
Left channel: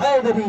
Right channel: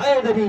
حیدری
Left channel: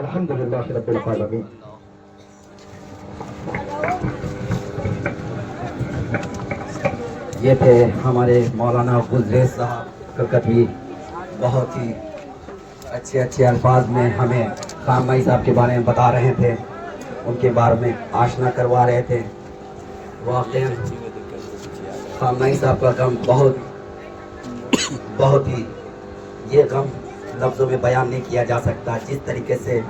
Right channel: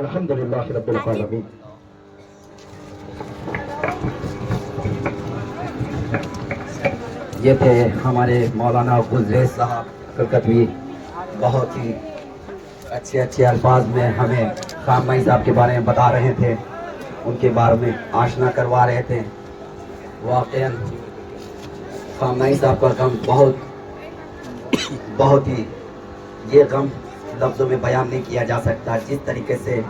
الحمد للہ رب العالمین. یہ تھے ہمارے مولانا گلریز صاحب کلکتوی. بہت ہی اچھے اچھے الفاظ میں ہمیں خان مائی صاحب کے بارے میں بتا رہے تھے, ان کے بارے میں آشنا کروا رہے تھے. واقعاً خان مائی صاحب کا غم بہت ہی, یہ غم لفظوں میں بیان نہیں کیا جا سکتا. جس طریقے سے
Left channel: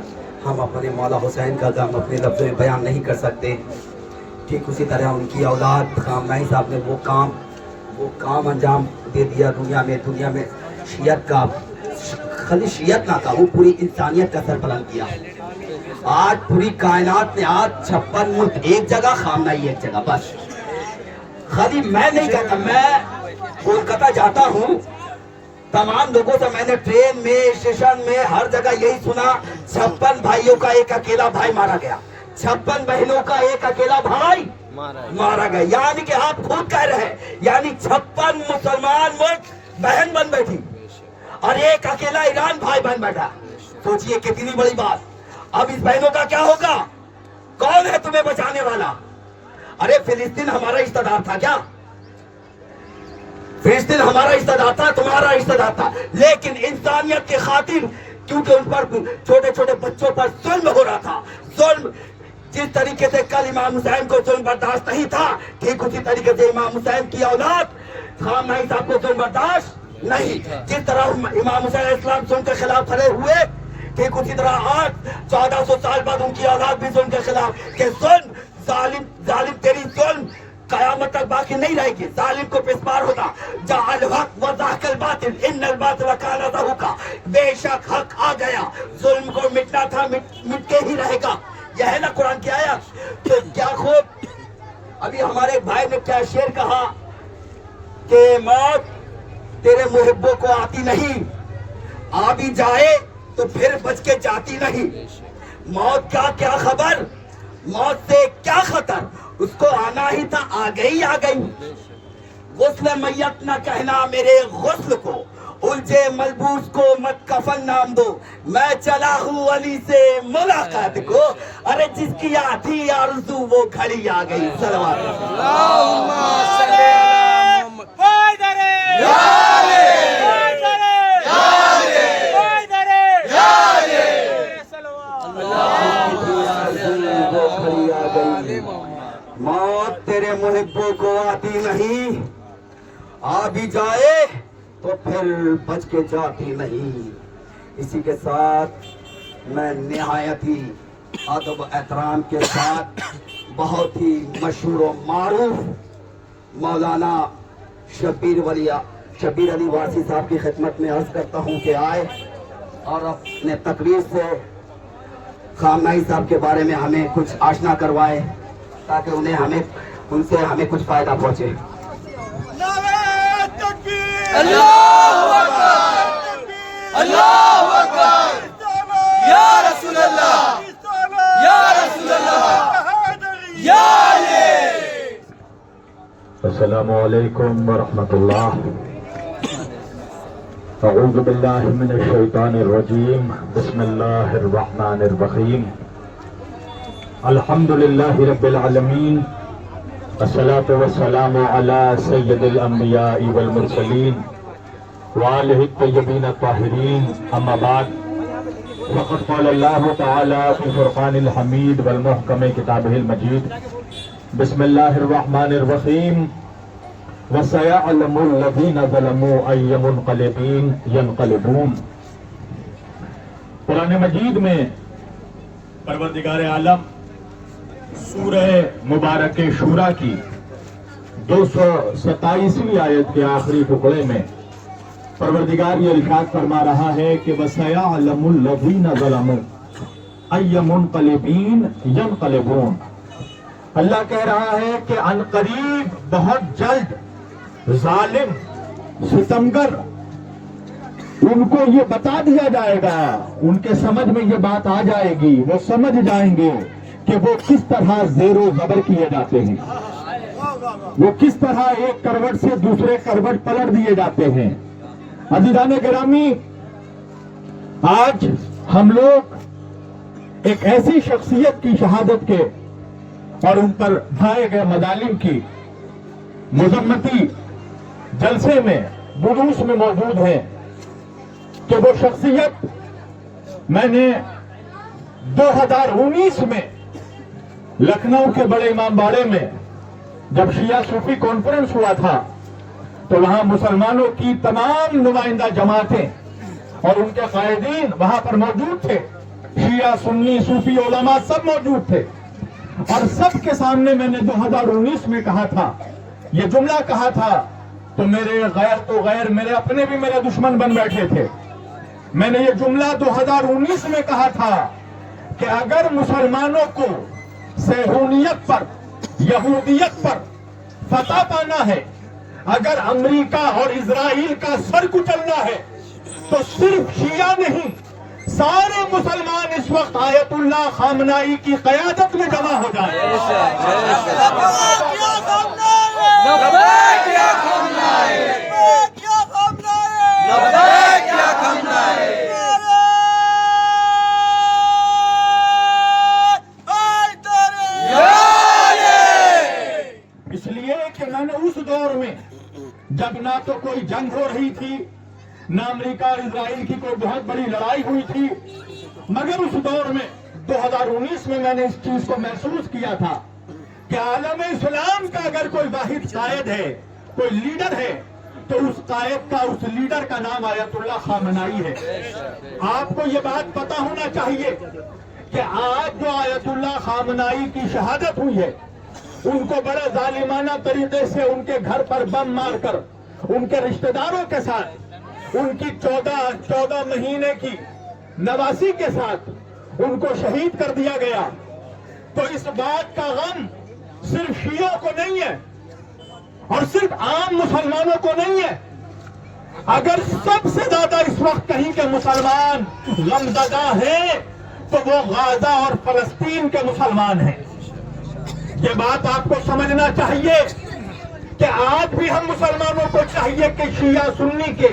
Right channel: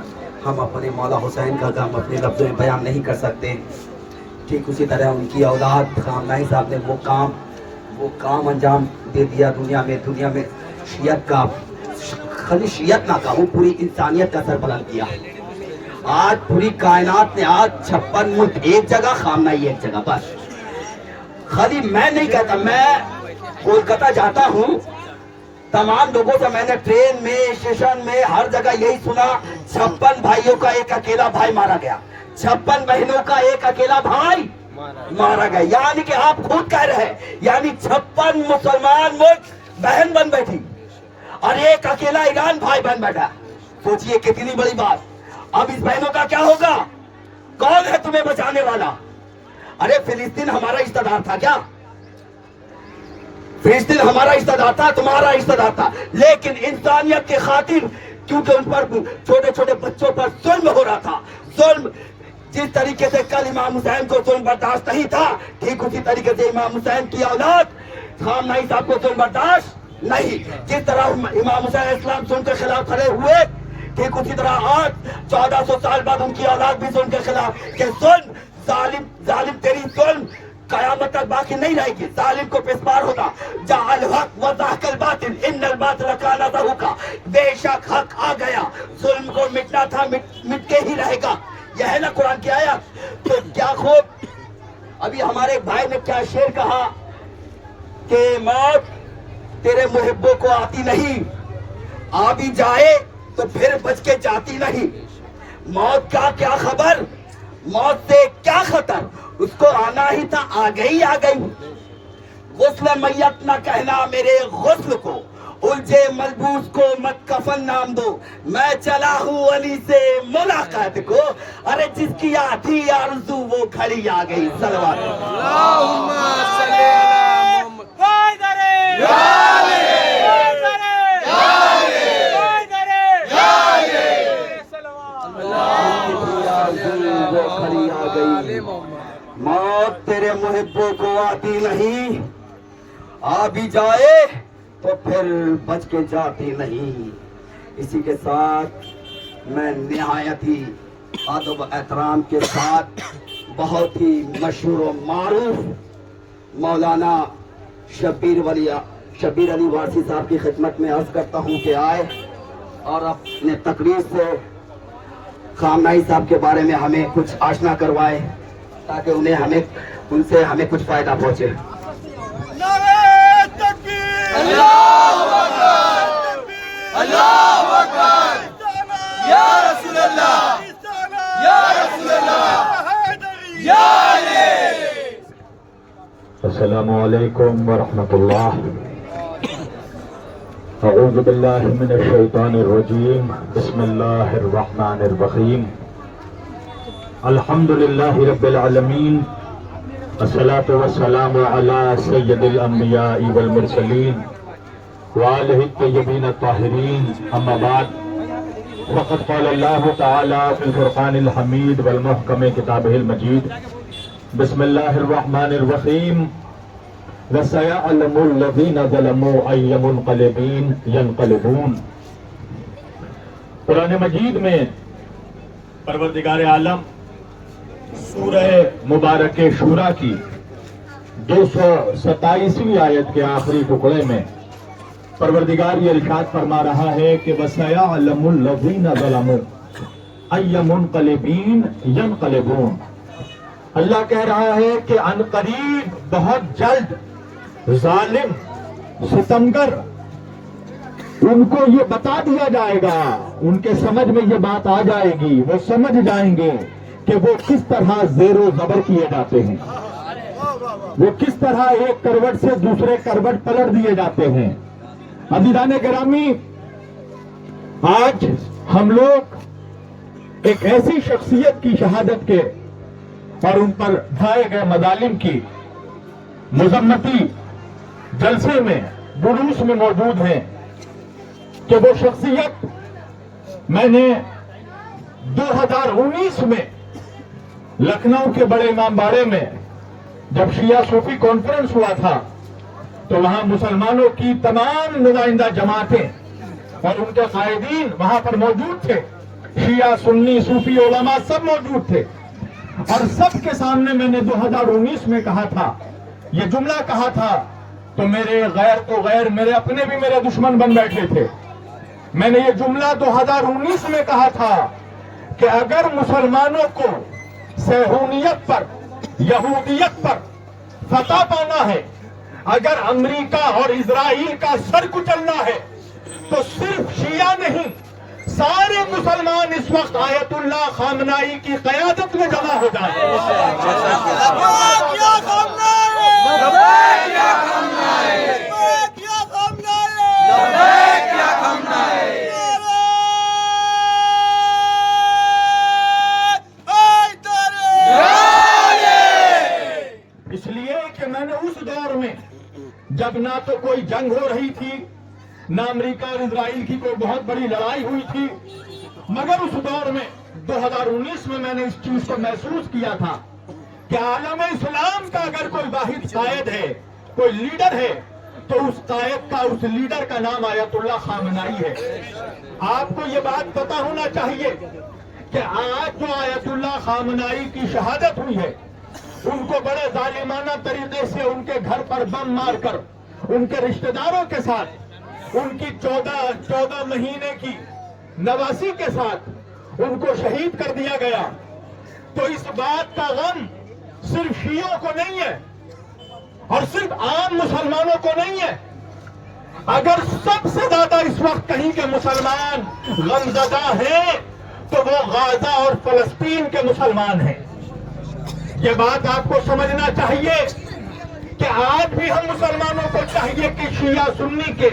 ہم اپنے مولا حسین کا غم اپنے لفظوں میں بیان نہیں کر سکتے, ٹھیک اسی طرح ان کی اولاد خان مائی صاحب نے وہ کام انجام دے دیا دنیا میں شیعت کا, خالی شیعت نہ کہوں, پوری انسانیت کا سر بلند کیا. آج پوری کائنات میں آج 56 ملک ایک جگہ, خامنائی ایک جگہ. بس خالی میں نہیں کہتا, میں کولکتہ جاتا ہوں, تمام لوگوں سے میں نے ٹرین میں, اسٹیشن میں, ہر جگہ یہی سنا, 56 بھائیوں کا ایک اکیلا بھائی مارا گیا, 56 بہنوں کا ایک اکیلا بھائی مارا گیا. یعنی کہ آپ خود کہہ رہے ہیں, یعنی 56 مسلمان ملک بہن بن بیٹھی اور ایک اکیلا ایران بھائی بن بیٹھا. سوچئے کتنی بڑی بات. اب اس بہنوں کا کیا ہوگا؟ کون ہے تمہیں بچانے والا؟ ارے فلسطین ہمارا رشتہ دار تھا کیا؟ فلسطین ہمارا رشتہ دار تھا, تمہارا رشتہ دار تھا, لیکن انسانیت کے خاطر, کیونکہ ان پر چھوٹے چھوٹے بچوں پر ظلم ہو رہا تھا, ظلم جس طریقے سے کل امام حسین کو ظلم برداشت نہیں تھا, ٹھیک اسی طریقے سے امام حسین کی اولاد خان مائی صاحب کو ظلم برداشت نہیں. جس طرح امام حسین علیہ السلام ظلم کے خلاف کھڑے ہوئے, ٹھیک اسی طرح آج 1400 سال بعد ان کی اولاد بھی ظلم کے خلاف, کہ ظلم ظالم تیری ظلم قیامت تک باقی نہیں رہے گی, ظالم کو پسپار ہونا. جا الحق وضاحق الباطل ان الباطل کان زہوقا, بے شک حق آ گیا, ظلم کو مٹنا تھا, مٹ کے ہی رہے گا. یہ ہے نا قرآن کی آیت. تو کیا خوب ابھی ہمارے بھائی نے کیا شعر کہا کہ موت تیرے محبوں کو آتی نہیں, آ بھی جائے تو پھر بچ کے جاتی نہیں. موت کا کیا خبر, موت سے کیا خطر, اس کو آنا ہی تھا, آ گئی. غسل میت نہ کہنا میرے غسل کو, الجھے ملبوس کو مت کفن نام دو, میں چلا ہوں علی سے ملاقات کو, ارے جس کی آتی آرزو وہ گھڑی آ گئی. صلوات اللهم صل على محمد یا علی یا علی یا علی. موت تیرے محبوں کو آتی نہیں, آ بھی جائے تو پھر بچ کے جاتی نہیں. اسی کے ساتھ میں نہایت ہی ادب احترام کے ساتھ بہت ہی مشہور و معروف مولانا شبیر علی وارسی صاحب کی خدمت میں عرض کرتا ہوں کہ آئے اور اپنے تقریر سے خان مائی صاحب کے بارے میں ہمیں کچھ آشنا کروائے, تاکہ ان سے ہمیں کچھ فائدہ پہنچے. اللہ اکبر, یا رسول اللہ, یا رسول اللہ, یا علی. السلام علیکم ورحمۃ اللہ. اعوذ باللہ من الشیطان الرجیم, بسم اللہ الرحمن الرحیم. الحمد للہ رب العالمین, والصلاة والسلام علی سید الانبیاء والمرسلین وآلہ الطیبین الطاہرین. اما بعد, فقد قال اللہ تعالی فی الفرقان الحمید والمحکم کتابہ المجید, بسم اللہ الرحمن الرحیم. وَسَيَعْلَمُ الَّذِينَ ظَلَمُوا أَيَّ مُنْقَلِبٍ يَنْقَلِبُونَ. قرآن مجید میں پروردگار عالم سورہ مبارک شورا کی 227ویں آیت کے آخری ٹکڑے میں پروردگار یہ ارشاد فرما رہا ہے کہ وَسَيَعْلَمُ الَّذِينَ ظَلَمُوا أَيَّ مُنْقَلِبٍ يَنْقَلِبُونَ. اللہ کہہ رہا ہے کہ ان قریب بہت جلد ظالم ستمگر ان کو یہ بتا دیا جائے گا, ان کے سمجھ میں یہ بات آ جائے گی, وہ سمجھ جائیں گے کہ وہ کس طرح زیر و زبر کیے جاتے ہیں، وہ کس طرح ایک کروٹ سے دوسرے کروٹ پلٹ دیے جاتے ہیں۔ عزیزان گرامی، آج ہم لوگ ایک ایسی شخصیت کی شہادت کے اور ان پر ڈھائے گئے مظالم کی مذمتی جلسے میں جلوس میں موجود ہیں کہ وہ شخصیت میں نے 2019 میں لکھنؤ کے بڑے امام باڑے میں جب شیعہ صوفی کانفرنس ہوا تھا تو وہاں مسلمانوں کی تمام نمائندہ جماعتیں اور ان کے قائدین وہاں پر موجود تھے، شیعہ سنی صوفی علماء سب موجود تھے، اور سب کے سامنے میں نے 2019 میں کہا تھا، یہ جملہ کہا تھا، تو میرے غیر تو غیر میرے اپنے بھی میرے دشمن بن بیٹھے تھے۔ میں نے یہ جملہ 2019 میں کہا تھا کہ اگر مسلمانوں کو صہیونیت پر، یہودیت پر فتح پانا ہے، اگر امریکہ اور اسرائیل کا سر کچلنا ہے تو صرف شیعہ نہیں، سارے مسلمان اس وقت آیت اللہ خامنائی کی قیادت میں جمع ہو جائیں۔ اس لیے کہ میں نے اس دور میں جب نہ تو کوئی جنگ ہو رہی تھی، نہ امریکہ اور اسرائیل کی کوئی بہت بڑی لڑائی ہوئی تھی، مگر اس دور میں 2019 میں نے اس چیز کو محسوس کیا تھا کہ عالم اسلام کا اگر کوئی واحد قائد ہے، کوئی لیڈر ہے، تو اس قائد کا، اس لیڈر کا نام آیت اللہ خامنائی ہے۔ آپ کو یہ بات پتا ہونا چاہیے کہ آج جو آیت اللہ خامنائی کی شہادت ہوئی ہے، ان کو بڑے ظالمانہ طریقے سے ان کے گھر پر بم مار کر ان کے رشتہ داروں کے ساتھ، ان کی 14 مہینے کی نواسی کے ساتھ ان کو شہید کر دیا گیا۔ تو اس بات کا غم صرف شیعوں کو نہیں ہے اور صرف عام مسلمانوں کو نہیں ہے، اگر سب سے زیادہ اس وقت کہیں کہ مسلمان غمزدہ ہیں تو وہ غزہ اور فلسطین کے مسلمان ہیں۔ یہ بات آپ کو سمجھنا چاہیے کہ آج بھی ہم مسلمانوں کو چاہیے کہ شیعہ سنی کے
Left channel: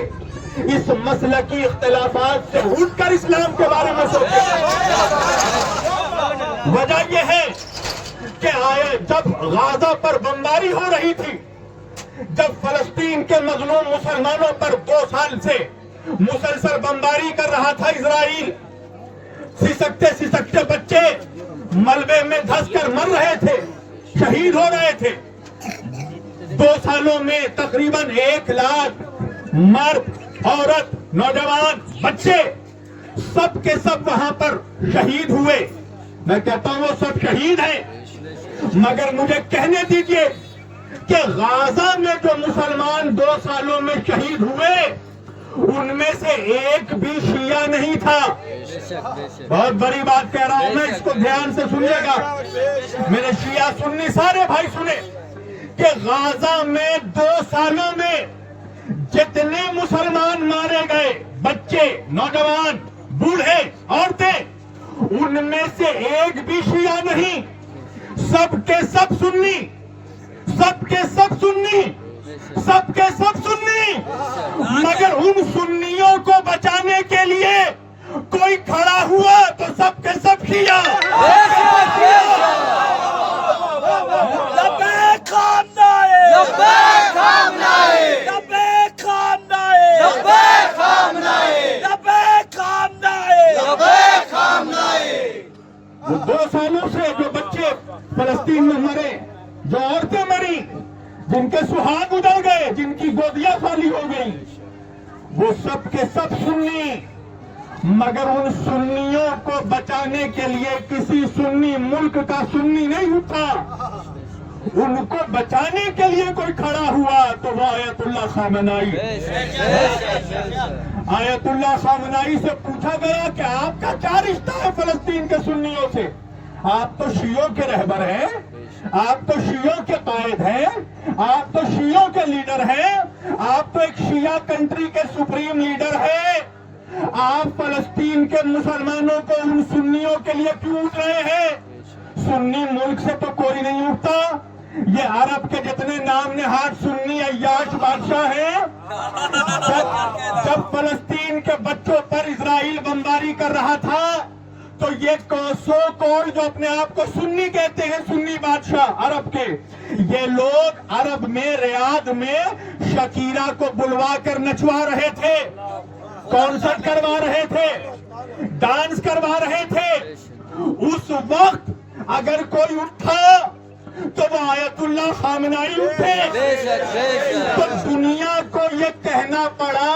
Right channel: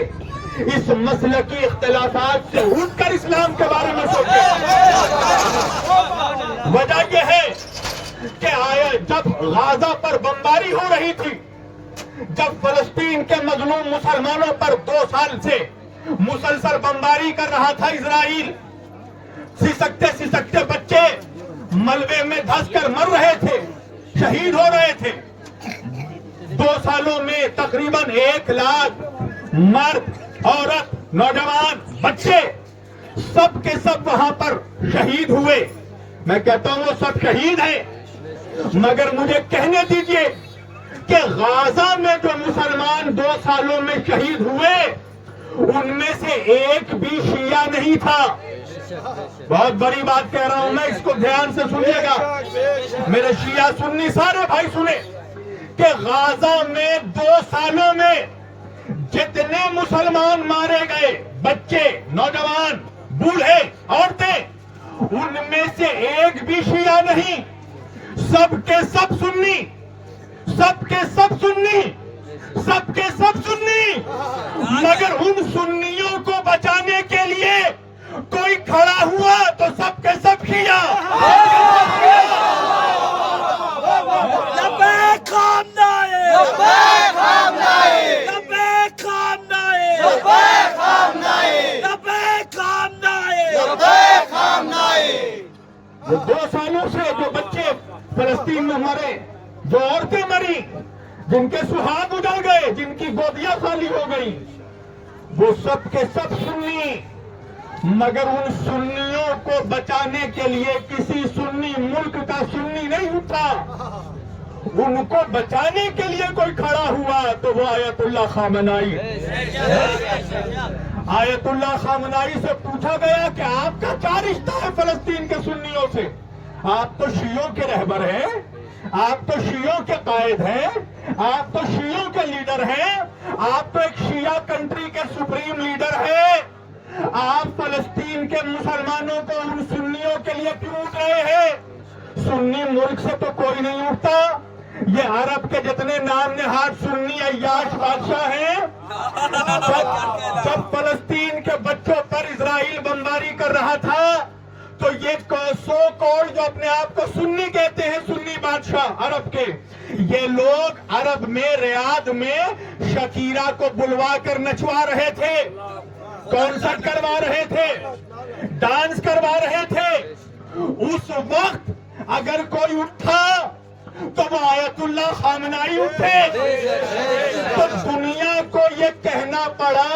اس مسلکی اختلافات سے اٹھ کر اسلام کے بارے میں سوچیں۔ وجہ یہ ہے کہ جب غزہ پر بمباری ہو رہی تھی، جب فلسطین کے مظلوم مسلمانوں پر 2 سال سے مسلسل بمباری کر رہا تھا اسرائیل، سسکتے بچے ملبے میں دھس کر مر رہے تھے، شہید ہو رہے تھے۔ 2 سالوں میں تقریباً 1 لاکھ مرد، عورت، نوجوان، بچے سب کے سب وہاں پر شہید ہوئے۔ میں کہتا ہوں وہ سب شہید ہیں، مگر مجھے کہنے دیجئے کہ غزہ میں جو مسلمان 2 سالوں میں شہید ہوئے ان میں سے ایک بھی شیعہ نہیں تھا۔ بہت بڑی بات کہہ رہا ہوں میں، اس کو دھیان سے سنیے گا میرے شیعہ سنی سارے بھائی سنیں کہ غزہ میں 2 سالوں میں جتنے مسلمان مارے گئے، بچے، نوجوان، بوڑھے، عورتیں، ان میں سے ایک بھی شیعہ نہیں، سب کے سب سنی، سب کے سب سنی، سب کے سب سنی۔ مگر ان سنیوں کو بچانے کے لیے کوئی کھڑا ہوا تو سب کے سب شیعہ۔ لبیک خامنائے، لبیک خامنائے، لبیک خامنائے، لبیک خامنائے، لبیک خامنائے، لبیک خامنائے۔ وہ 2 سالوں سے جو بچے فلسطین میں مرے، جو عورتیں مری، جن کے سہاگ اجڑ گئے، جن کی گودیاں خالی ہو گئی، وہ سب کے سب سنی۔ مگر ان سنیوں کو بچانے کے لیے کسی سنی ملک کا سنی نہیں اٹھا، ان کو بچانے کے لیے کوئی کھڑا ہوا تو وہ آیت اللہ خامنائی۔ آیت اللہ خامنائی سے پوچھا گیا کہ آپ کا کیا رشتہ ہے فلسطین کے سنیوں سے؟ آپ تو شیعوں کے رہبر ہیں، آپ تو شیعوں کے قائد ہیں، آپ تو شیعوں کے لیڈر ہیں، آپ تو ایک شیعہ کنٹری کے سپریم لیڈر ہیں، آپ فلسطین کے مسلمانوں کو ان سنیوں کے لیے کیوں اٹھ رہے ہیں؟ سنی ملک سے تو کوئی نہیں اٹھتا. یہ عرب کے جتنے نام نہاد سنی عیاش بادشاہ ہیں، جب فلسطین کے بچوں پر اسرائیل بمباری کر رہا تھا تو یہ سو کوڑ جو اپنے آپ کو سنی کہتے ہیں، سنی بادشاہ عرب کے، یہ لوگ عرب میں ریاض میں شکیرہ کو بلوا کر نچوا رہے تھے، کانسرٹ کروا رہے تھے، ڈانس کروا رہے تھے. اس وقت اگر کوئی اٹھا تو وہ آیت اللہ خامنائی اٹھے. تو دنیا کو یہ کہنا پڑا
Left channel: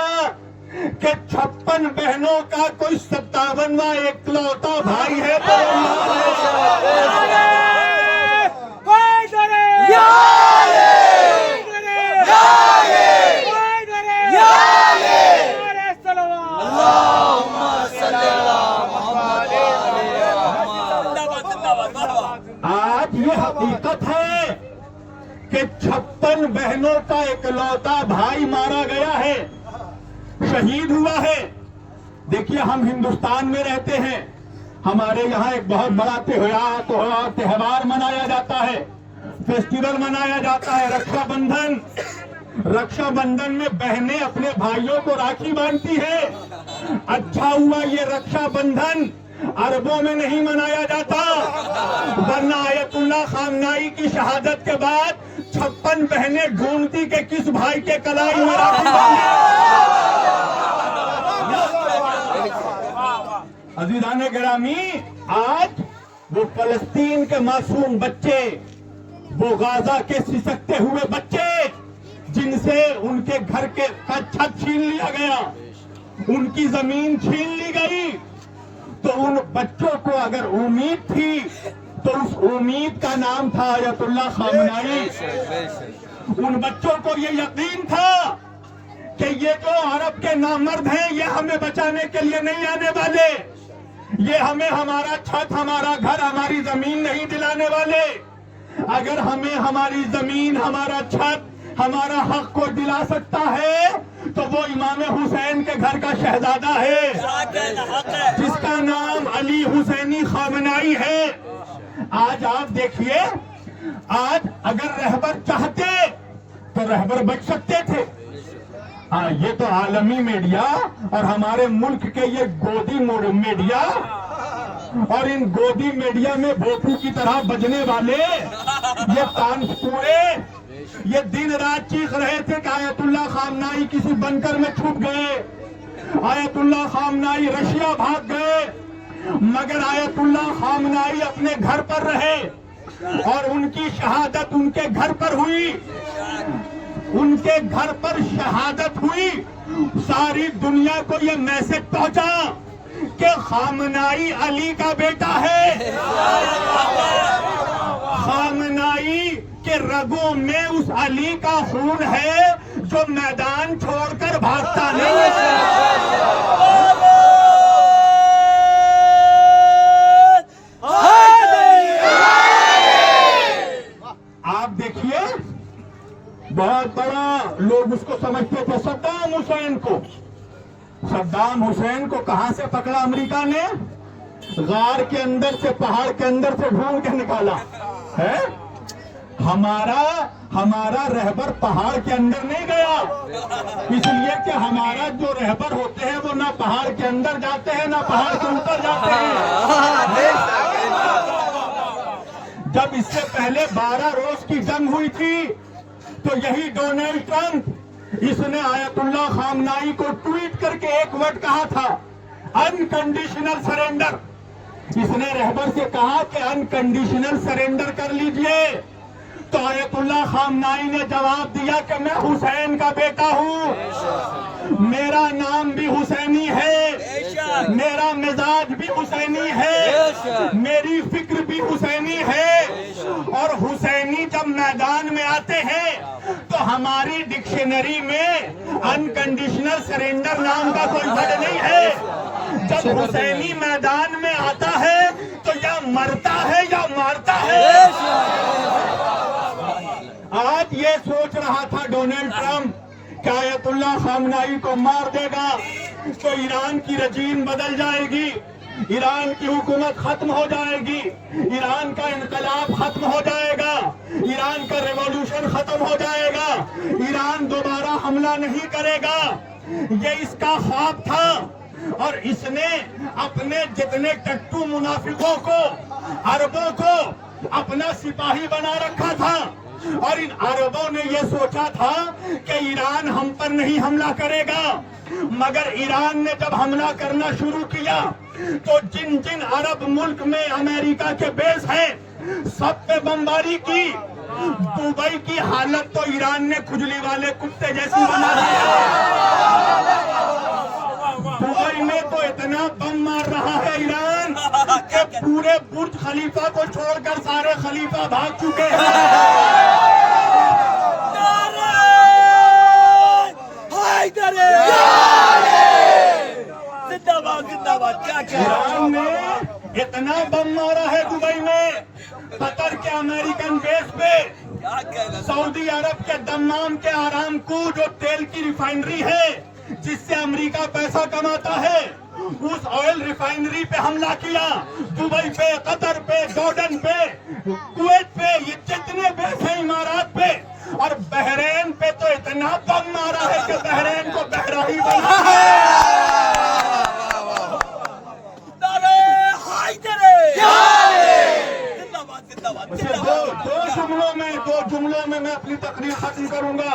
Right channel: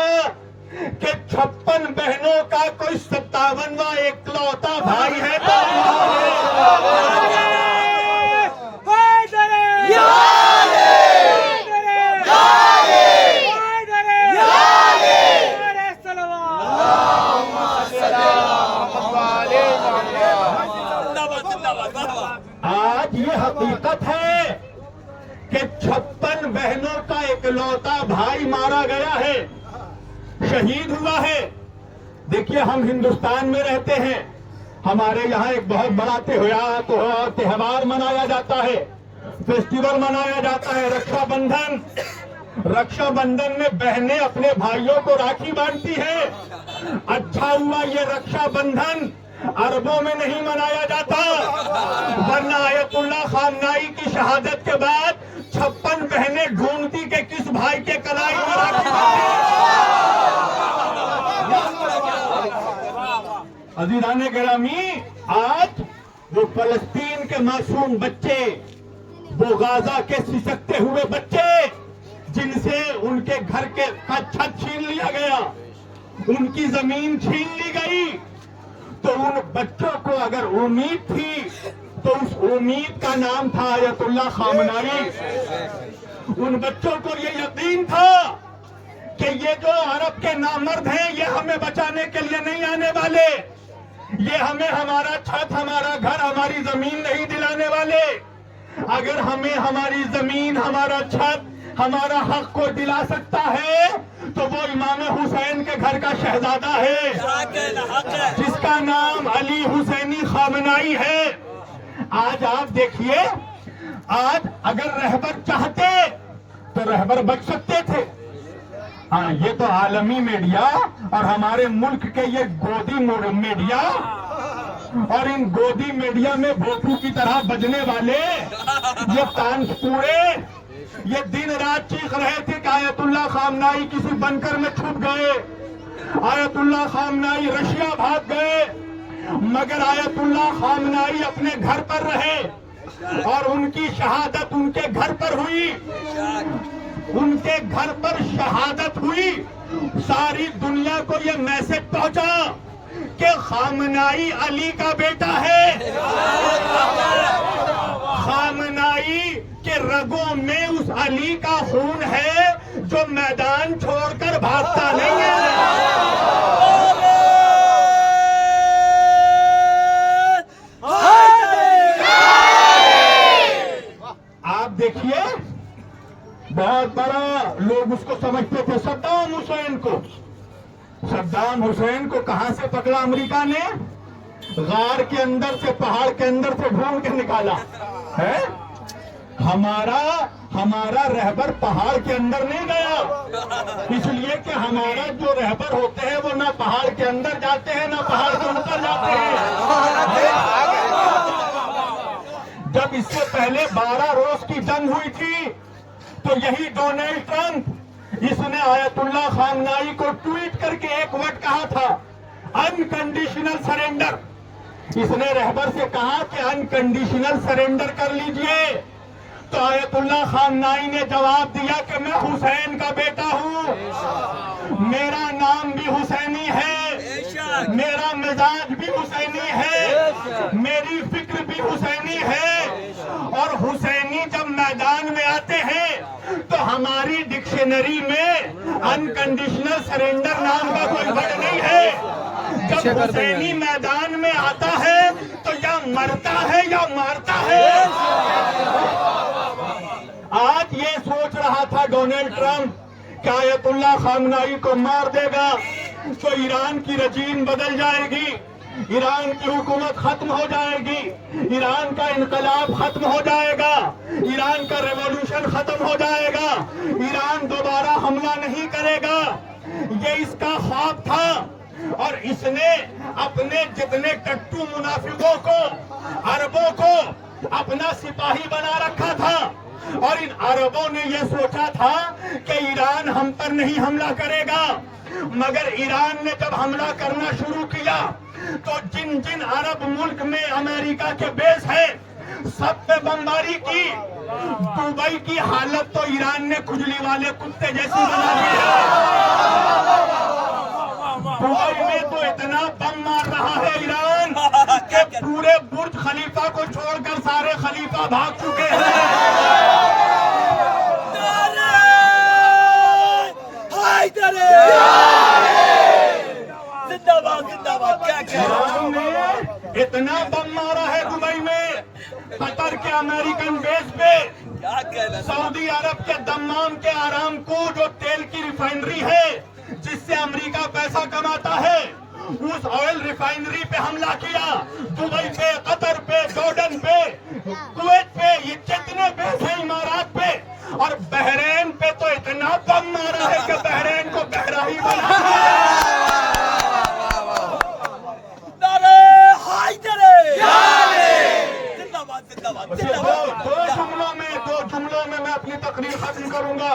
کہ 56 بہنوں کا کوئی 57واں اکلوتا بھائی ہے تو آج یہ حقیقت ہے کہ 56 بہنوں کا اکلوتا بھائی مارا گیا ہے، شہید ہوا ہے. دیکھیے ہم ہندوستان میں رہتے ہیں، ہمارے یہاں ایک بہت بڑا تہوار منایا جاتا ہے، فیسٹیول منایا جاتا ہے، رکشا بندھن. رکشا بندھن میں بہنیں اپنے بھائیوں کو راکھی باندھتی ہیں. اچھا ہوا یہ رکشا بندھن عربوں میں نہیں منایا جاتا، ورنہ آیت اللہ خامنائی کی شہادت کے بعد 56 بہنیں ڈھونڈتی کہ کس بھائی کے کلائی میں راکھی باندھے. عزیزان گرامی، آج وہ فلسطین کے معصوم بچے، وہ غازہ کے سسکتے ہوئے بچے جن سے ان کے گھر کا چھت چھین لیا گیا، ان کی زمین چھین لی گئی، تو ان بچوں کو اگر امید تھی تو اس امید کا نام تھا آیت اللہ خامنائی. ان بچوں کو یہ یقین تھا کہ یہ جو عرب کے نامرد ہیں یہ ہمیں بچانے کے لیے نہیں آنے والے، یہ ہمیں ہمارا چھت، ہمارا گھر، ہماری زمین نہیں دلانے والے. اگر ہمیں ہماری زمین، ہمارا چھت، ہمارا حق کو دلا سکتا ہے تو وہ امام حسین کے گھر کا شہزادہ ہے جس کا نام علی حسینی خامنائی ہے. آج آپ دیکھیے، آج اگر رہبر چاہتے تو رہبر بچ سکتے تھے. ہاں، یہ تو عالمی میڈیا اور ہمارے ملک کے یہ گودی میڈیا، اور ان گودی میڈیا میں بھوپو کی طرح بجنے والے یہ تانش پورے یہ دن رات چیخ رہے تھے کہ آیت اللہ خامنائی کسی بنکر میں چھپ گئے، آیت اللہ خامنائی رشیا بھاگ گئے. مگر آیت اللہ خامنائی اپنے گھر پر رہے اور ان کی شہادت ان کے گھر پر ہوئی، ان کے گھر پر شہادت ہوئی. ساری دنیا کو یہ میسج پہنچا کہ خامنائی علی کا بیٹا ہے، خامنائی کے رگوں میں اس علی کا خون ہے جو میدان چھوڑ کر بھاگتا نہیں ہے. آپ دیکھیے، بہت بڑا لوگ اس کو سمجھتے تھے صدام حسین کو. صدام حسین کو کہاں سے پکڑا امریکہ نے؟ غار کے اندر سے، پہاڑ کے اندر سے ڈھونڈ کے نکالا ہے. ہمارا رہبر پہاڑ کے اندر نہیں گیا، اس لیے کہ ہمارا جو رہبر ہوتے ہیں وہ نہ پہاڑ کے اندر جاتے ہیں نہ پہاڑ کے اوپر جاتے ہیں. جب اس سے پہلے 12 روز کی جنگ ہوئی تھی تو یہی ڈونلڈ ٹرمپ، اس نے آیت اللہ خامنائی کو ٹویٹ کر کے ایک ورڈ کہا تھا، انکنڈیشنل سرنڈر. اس نے رہبر سے کہا کہ انکنڈیشنل سرنڈر کر لیجئے. تو آیت اللہ خامنائی نے جواب دیا کہ میں حسین کا بیٹا ہوں، میرا نام بھی حسینی ہے، میرا مزاج بھی حسینی ہے، میری فکر بھی حسینی ہے. اور حسینی جب میدان میں آتے ہیں تو ہماری ڈکشنری میں انکنڈیشنل سرنڈر نام کا کوئی ورڈ نہیں ہے. جب حسینی میدان میں آتا ہے تو یا مرتا ہے یا مارتا ہے. آج یہ سوچ رہا تھا ڈونلڈ ٹرمپ کہ آیت اللہ خامنائی کو مار دے گا تو ایران کی رجیم بدل جائے گی، ایران کی حکومت ختم ہو جائے گی، ایران کا انقلاب ختم ہو جائے گا، ایران کا ریولوشن ختم ہو جائے گا، ایران دوبارہ حملہ نہیں کرے گا۔ یہ اس کا خواب تھا، اور اس نے اپنے جتنے ٹٹو منافقوں کو، عربوں کو اپنا سپاہی بنا رکھا تھا، اور ان عربوں نے یہ سوچا تھا کہ ایران ہم پر نہیں حملہ کرے گا، مگر ایران نے جب حملہ کرنا شروع کیا تو جن جن عرب ملک میں امریکہ کے بیس ہیں سب پہ بمباری کی۔ دبئی کی حالت تو ایران نے کھجلی والے کتے جیسی بنا دی ہے۔ دبئی میں تو اتنا بم مار رہا ہے ایران کہ پورے برج خلیفہ کو چھوڑ کر سارے خلیفہ بھاگ چکے ہیں۔ زندہ باد زندہ باد۔ ایران نے اتنا بم مارا ہے دبئی میں، قطر کے امریکن بیس پہ، سعودی عرب کے دمام کے آرامکو جو تیل کی ریفائنری ہے جس سے امریکہ پیسہ کماتا ہے، اس آئل ریفائنری پہ حملہ کیا، دبئی پہ، قطر پہ، جارڈن پہ، کویت پہ، یہ جتنے بیس ہیں امارات پہ، اور بحرین پہ تو اتنا بم مارا ہے کہ بحرین کو بحرہ ہی بنا دو جملوں میں میں اپنی تقریر ختم کروں گا۔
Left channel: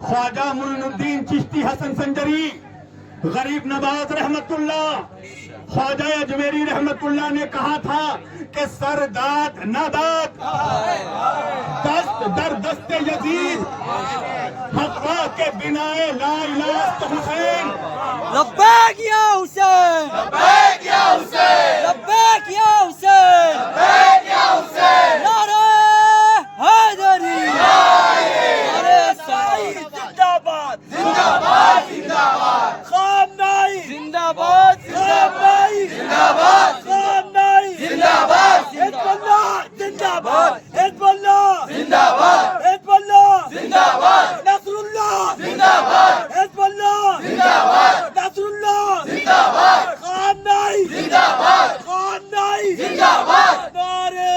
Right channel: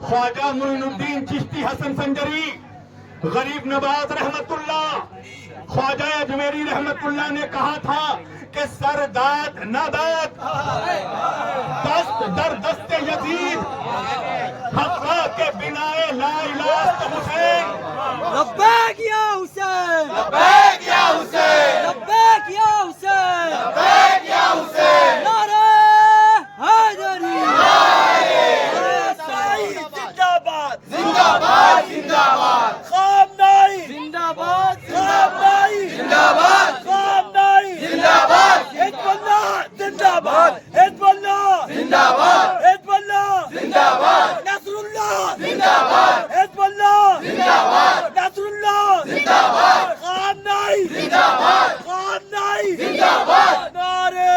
خواجہ معین الدین چشتی حسن سنجری، غریب نواز رحمت اللہ، خواجہ اجمیری رحمت اللہ نے کہا تھا کہ سر داد نہ داد، دست در دست یزید، حقا کے بنا لا الہ حسین۔ لبیک یا حسین، لبیک یا حسین، لبیک یا حسین، لبیک یا حسین، نعرہ حیدری، نعرہ اسماعیل، زندہ باد زندہ باد زندہ باد، خامنائی زندہ باد خامنائی زندہ باد خامنائی زندہ باد، حزب اللہ زندہ باد حزب اللہ زندہ باد حزب اللہ زندہ باد، نصر اللہ زندہ باد حزب اللہ زندہ باد، نصر اللہ زندہ باد، خامنائی زندہ باد خامنائی زندہ باد، نعرہ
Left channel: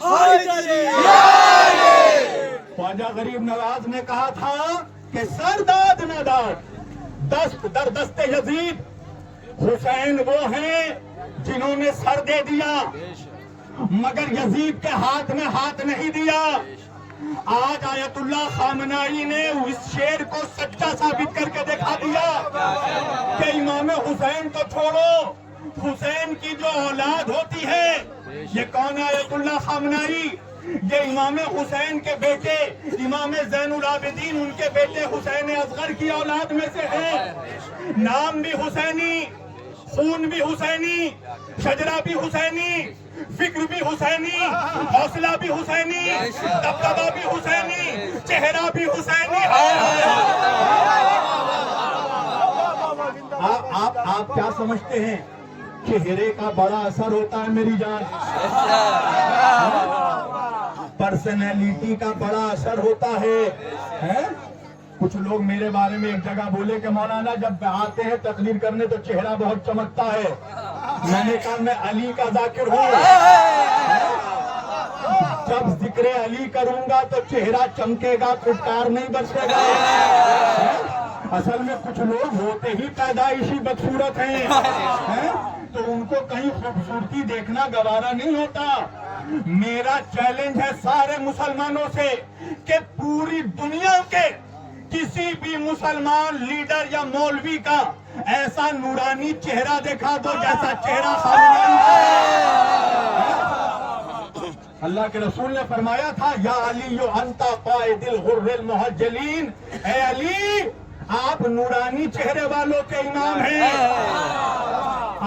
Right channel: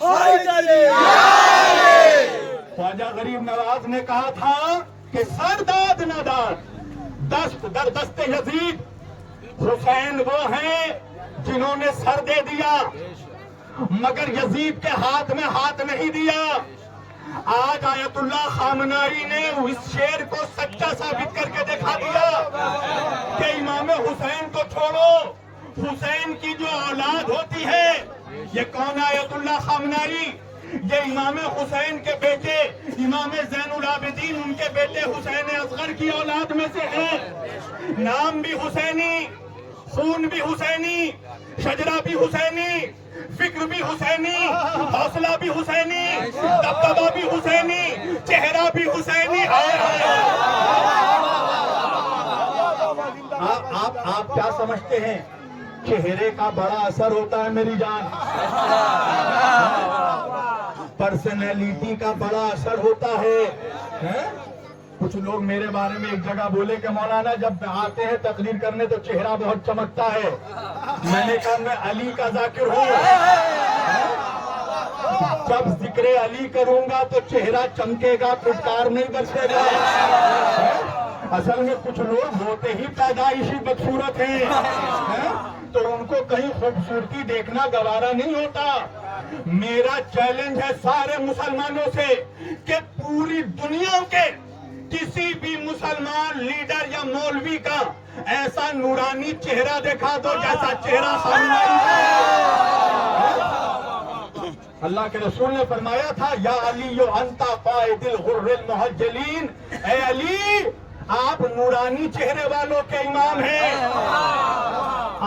حیدری۔ خواجہ غریب نواز نے کہا تھا کہ سر داد نہ داد، دست در دست یزید، حسین وہ ہیں جنہوں نے سر دے دیا مگر یزید کے ہاتھ میں ہاتھ نہیں دیا۔ آج آیت اللہ خامنائی نے اس شعر کو سچا ثابت کر کے دکھا دیا کہ امام حسین کو چھوڑو، حسین کی جو اولاد ہوتی ہے، یہ کون ہے آیت اللہ خامنائی؟ یہ امام حسین کے بیٹے امام زین العابدین، ان کے بیٹے حسین اصغر کی اولاد میں سے ہیں۔ نام بھی حسینی، خون بھی حسینی، شجرہ بھی حسینی، فکر بھی حسینی، حوصلہ بھی حسینی، دبدبہ بھی حسینی، چہرہ بھی حسینی۔ آپ کیا سمجھتے ہیں چہرے کا بڑا اثر ہوتا ہے میری جان؟ پرسنالٹی کا بڑا اثر ہوتا ہے۔ کچھ لوگ میرے بارے میں ایک جگہ بولے کہ مولانا جب آتے ہیں تقریر کرنے تو چہرہ بہت چمکتا ہے۔ میں نے کہا میں علی کا ذاکر ہوں، جب ذکر علی کروں گا تو چہرہ چمکے گا، پھٹکار نہیں برسے گا۔ اصل میں کچھ لوگ ہوتے ہی پیدائشی بدصورت ہیں، تو ان کو کہیں خوبصورتی دیکھنا گوارا نہیں ہوتا۔ میرا چیلنج ہے سارے مسلمانوں سے کہ پوری دنیا کے کسی بھی مسلمان لیڈر یا مولوی کا ایسا نورانی چہرہ دکھا دو جیسا چہرہ خامنائی کا۔ اللہ کے رسول نے فرمایا تھا یا علی انتا قائد الغر المحجلین، اے علی آپ نورانی چہرے والوں کے امام ہیں۔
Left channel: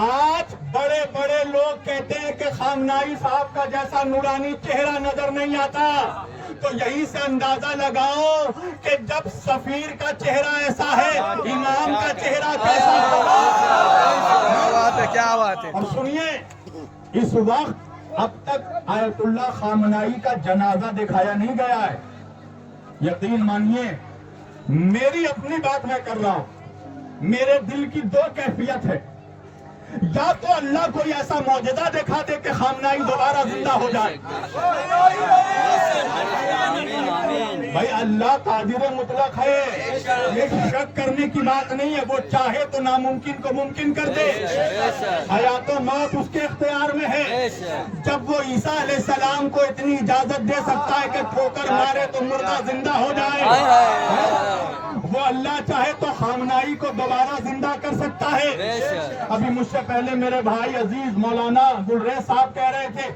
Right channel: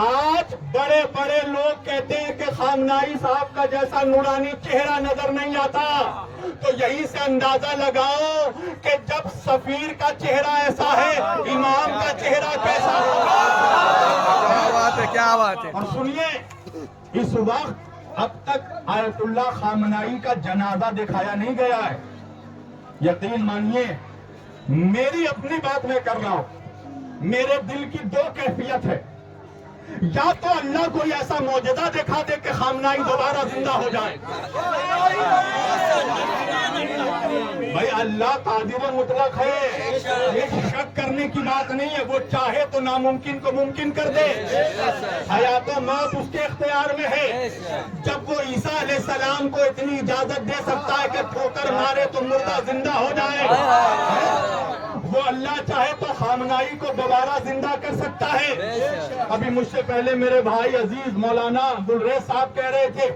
آج بڑے بڑے لوگ کہتے ہیں کہ خامنائی صاحب کا جیسا نورانی چہرہ نظر نہیں آتا، تو یہی سے اندازہ لگاؤ کہ جب سفیر کا چہرہ ایسا ہے، امام کا چہرہ کیسا ہوگا؟ کیا بات ہے، کیا بات ہے۔ اور سنیے، اس وقت اب تک آیت اللہ خامنائی کا جنازہ دکھایا نہیں گیا ہے۔ یقین مانیے، میری اپنی بات میں کر رہا ہوں، میرے دل کی دو کیفیت ہے، یا تو اللہ کوئی ایسا معجزہ دکھا دے کہ خامنائی دوبارہ زندہ ہو جائے. بھائی اللہ قادر مطلق ہے، یہ شک کرنے کی بات نہیں ہے. وہ چاہے تو ناممکن کو ممکن کر دے. حیات و موت اس کے اختیار میں ہے. جب وہ عیسیٰ علیہ السلام کو اتنی اجازت دے سکتا ہے کہ ٹھوکر مارے تو مردہ زندہ ہو جائے، وہ اللہ چاہے تو خامنائی کو دوبارہ زندہ کر سکتا ہے. ابھی مجھ سے پہلے میرے بھائی عزیز مولانا عبدالریز صاحب کہہ رہے تھے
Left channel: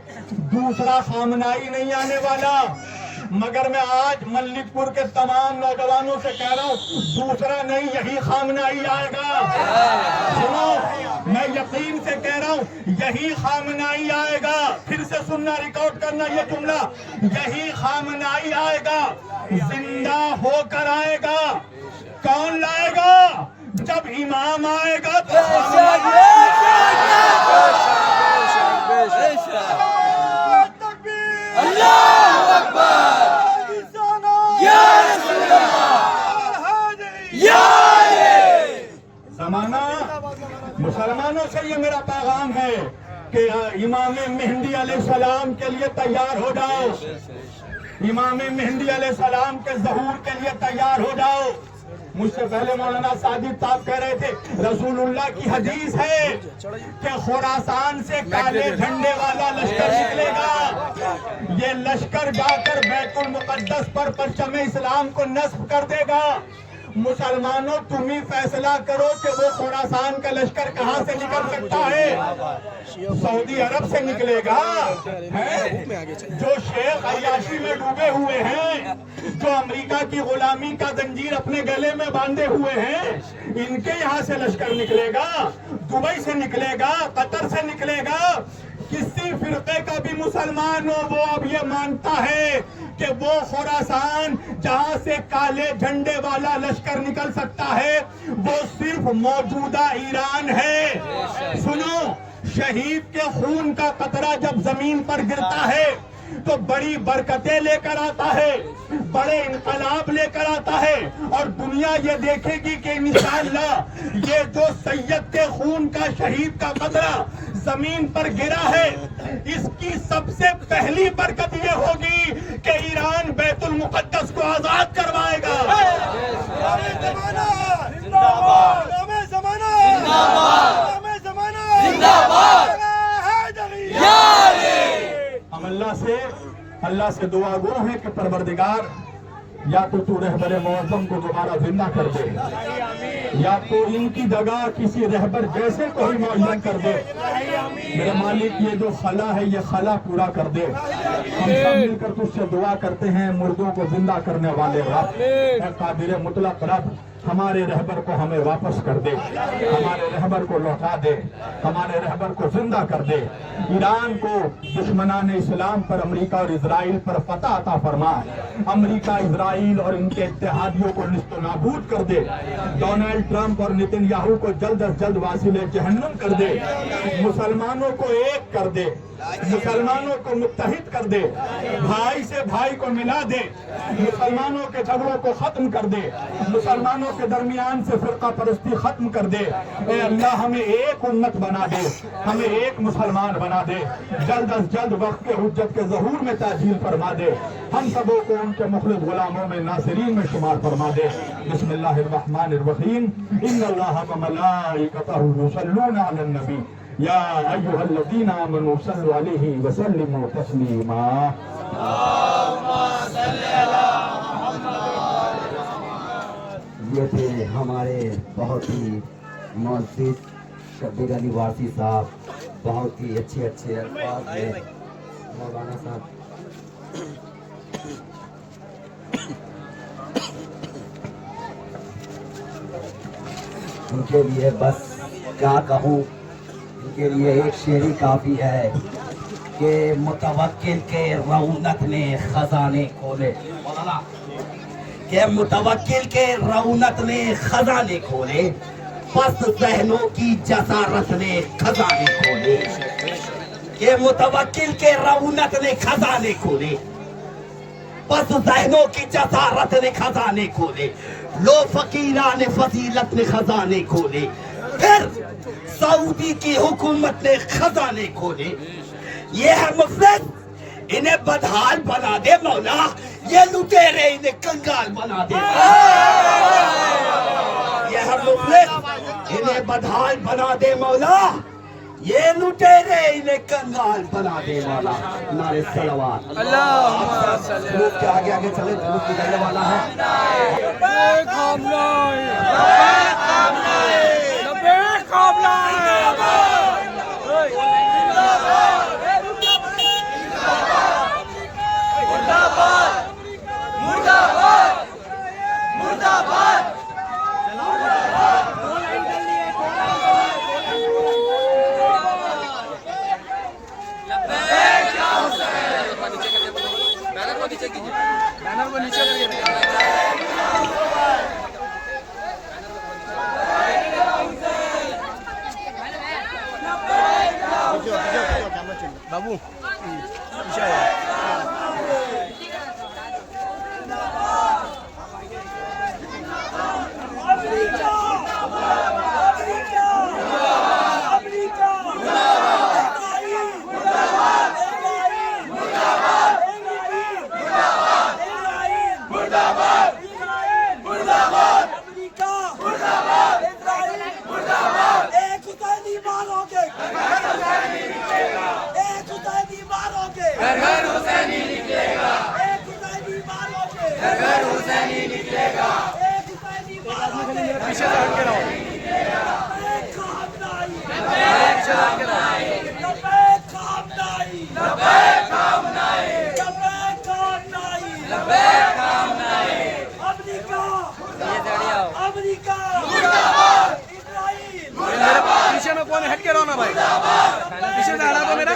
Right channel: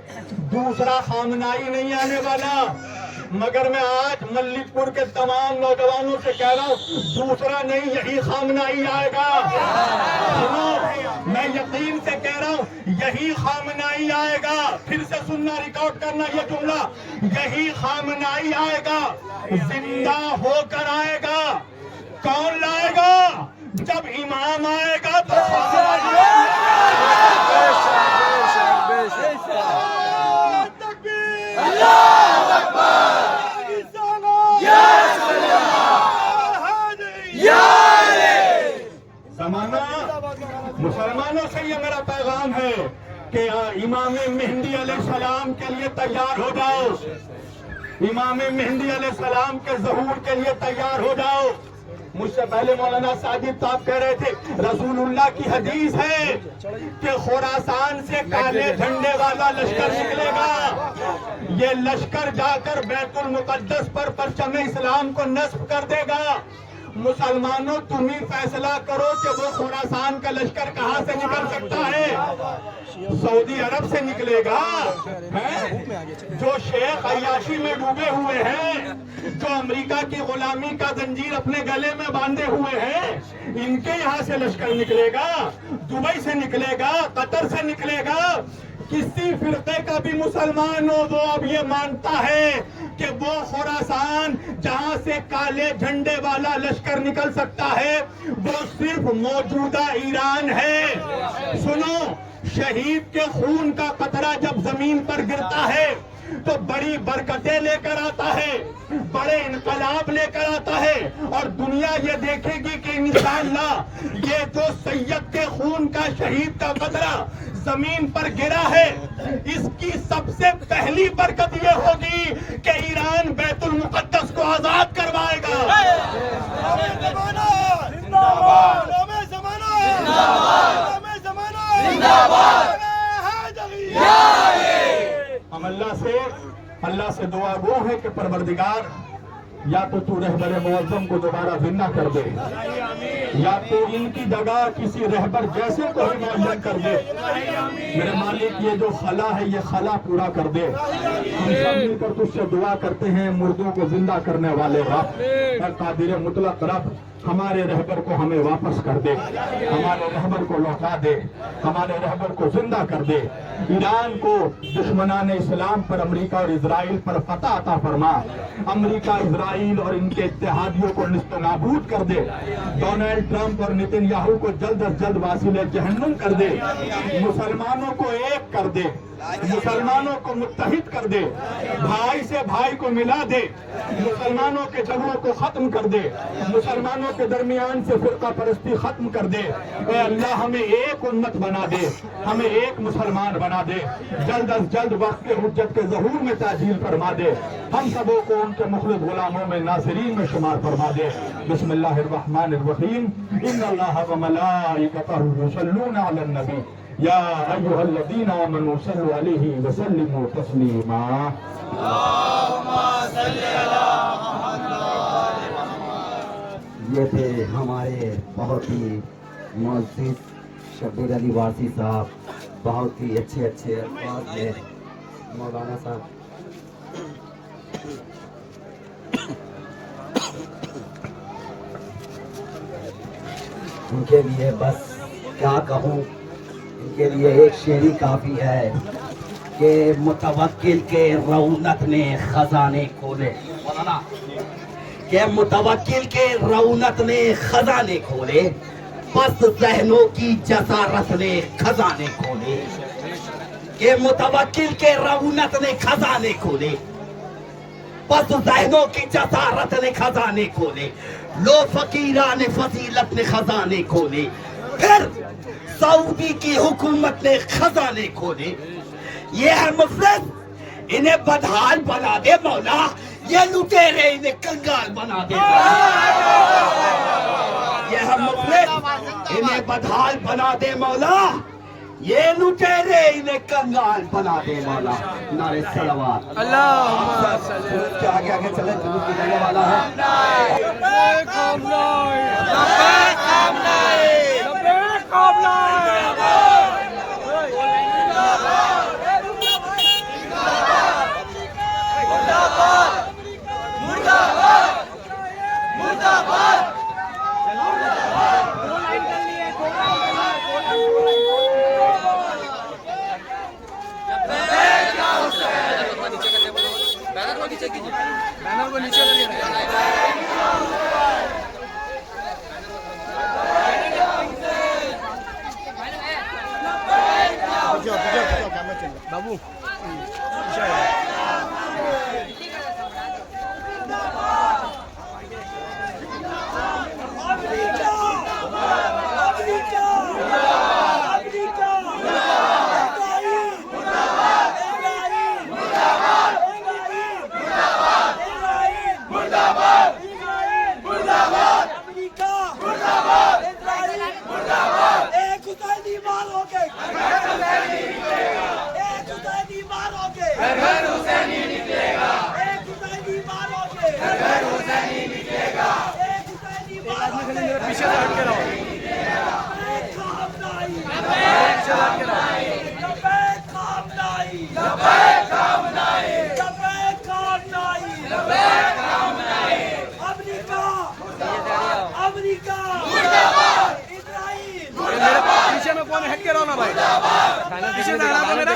دوسرا خامنائی نہیں آنے والا، مگر میں آج ملک پور کے تمام نوجوانوں سے کہہ رہا ہوں دوسرا نہیں، یہی خامنائی آئے گا. سنو، میں یقین سے کہہ رہا ہوں یہی خامنائی آئے گا. پھر سے سننا، ریکارڈ کرنا یہ جملہ، یہی خامنائی آئے گا، زندہ ہو کر آئے گا. کون لائے گا؟ جب امام آئے گا تو خامنائی زمانہ. مسلمانوں سے یہ میرا پیغام ہے کہ امام مہدی علیہ السلام کے لیے تیار ہو جاؤ. امام مہدی علیہ السلام کے ظہور کے لیے تیار ہو جاؤ. مجھ سے پہلے مولانا ساجد صاحب کہہ رہے تھے رسول اللہ کی حدیث ہے کہ خراسان سے کالے جھنڈے والا لشکر نکلے گا. یہ لشکر جا کر بیت المقدس پر پرچم اسلام کو نصب کر دے گا. مسلمانوں تم ہی فیصلہ کرو کہ وہ خراسان کا لشکر کہاں سے نکل سکتا ہے. سعودی عرب سے نکلے گا، جو شیخ عیاشی میں ڈوبے ہوئے ہیں، جو امریکہ کی غلامی کا زنجیر اپنے گلے میں باندھے ہوئے ہیں، ان کے یہاں سے لشکر نکلے گا. دبئی سے نکلے گا، قطر سے نکلے گا. کسی فرقے کا بھی مسلمان ہو وہ اب یہ مانتا ہے کہ وہ خراسان جہاں سے کالے جھنڈے والا لشکر نکل سکتا ہے وہ صرف موجودہ ایران ہے. سنو، شہید کے خون کا قطرہ جب زمین پر گرتا ہے تو بڑی برکتیں لے کر آتا ہے، بڑے انقلاب لے کر آتا ہے، اور دنیا یہ دیکھے گی کہ انشاءاللہ یہ جو سید کے خون کا شہید کا قطرہ زمین پر گرا ہے، اس کی سب سے پہلی برکت یہ ہوگی کہ ایران بیت المقدس کو آزاد کروائے گا. ہم اللہ سے دعا گو ہے کہ پروردگار یا تو رہبر معظم کو دوبارہ زندہ کر دے، یا تو ان کی جگہ کسی رہبر جیسے کو ہی معین کر دے. میرے مالک یہ جو خلا ہے یہ خلا پورا کر دے. ہم سب مل کر تجھ سے دعا کرتے ہیں مردوں کو زندہ کرنے والے رب، اے قادر مطلق رب، ہمارے رہبر کو ہمیں واپس کر دے، ہمارے رہبر کو لوٹا دے، ہمارے رہبر کو زندہ کر دے. ایران کو دشمنان اسلام پر، امریکہ اور اسرائیل پر فتح عطا فرما. امریکہ، اسرائیل اور ان کے اتحادیوں کو نیست و نابود کر دے. ڈونلڈ ٹرمپ اور نتن یاہو کو جلد از جلد واصل جہنم کر دے. مسلمانوں کو ایک کر دے، مسلمانوں کو متحد کر دے، بھائی سے بھائی کو ملا دے، مسلمانوں کے جھگڑوں کو ختم کر دے، مسلمانوں کے درمیان سے فرقہ پرستی ختم کر دے. اے اللہ ہمیں ایک امت بنا دے، ہمیں ایک مسلمان بنا دے. جلد از جلد وقت کے حجت کے ظہور میں تعجیل فرما دے. ہم سبوں کو ان کے مخلص غلاموں میں ناصرین میں شمار فرما دے. بسم اللہ الرحمن الرحیم. ان اللہ وملائکتہ یصلون علی النبی یا ایھا الذین آمنوا صلوا علیہ وسلموا تسلیما. یہ تھے ہمارے بہت ہی معزز شبیر علی وارثی صاحب، بہت ہی اچھے الفاظ میں مولانا صاحب. ان کے لیے بس کیا کہوں، ان کے لیے ایک شعری کافی ہے کہ متوکل کے رونق نے خزانے کھولے. کہ متوکل کے رونق نے خزانے کھولے، پس ذہنوں کی جسارت نے خزانے کھولے. کہ متوکل کے رونق نے خزانے کھولے، بس ذہنوں کی جسارت نے خزانے کھولے، لو فقیران فضیلت نے خزانے کھولے، پھر سعودی کی حکومت نے خزانے کھولے. یہ ہے مفلس، انہیں بدحال بنا دے مولا، یہ لٹیرے انہیں کنگال بنا دے. یہ ہے مفلس، انہیں بدحال بنا دے مولا، یہ لٹیرے انہیں کنگال بنا دے مولا. نعرے صلوات. اللہم صلی جلوس کے آگے آگے چلیں، جلوس نکلنے والا ہے. بینر کو نیچے کریے بابو. پیچھے سے ہٹ کے رہو. میرے پیچھے میں کون ہٹ کے رہو نا بھائی, پیچھے سے ہٹا دو میرا.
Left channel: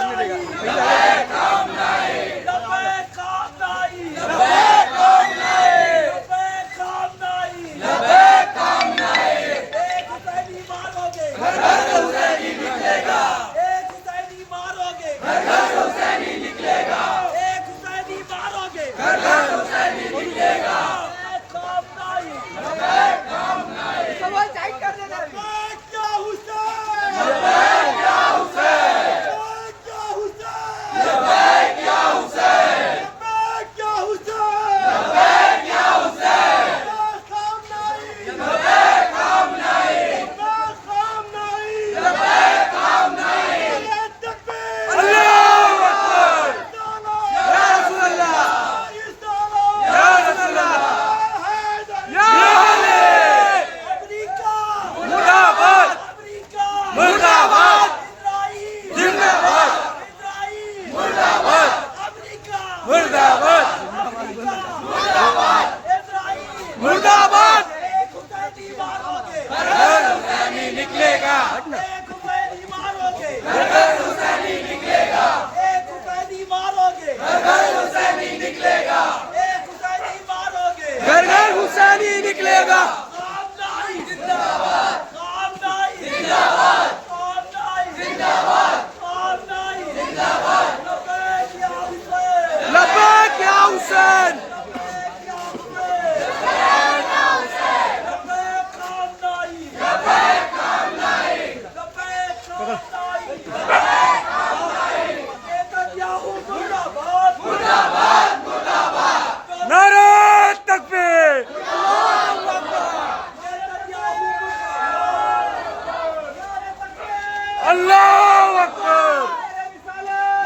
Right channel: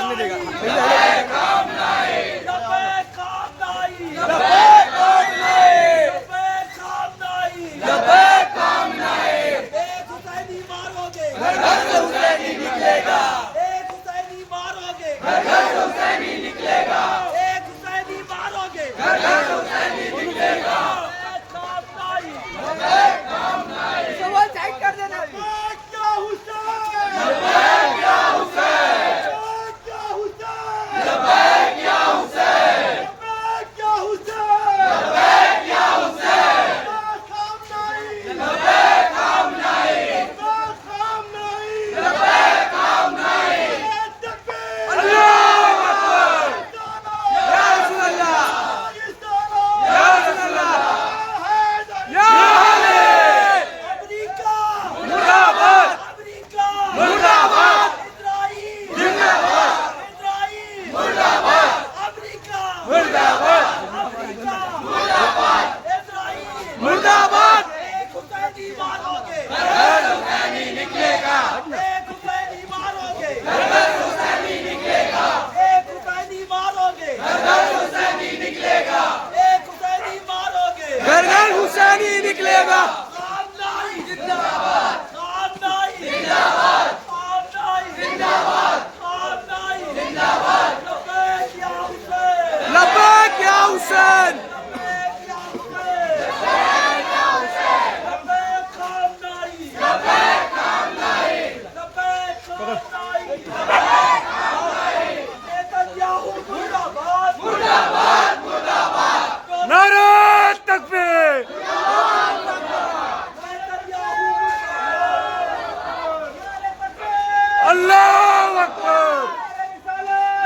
اللہ اکبر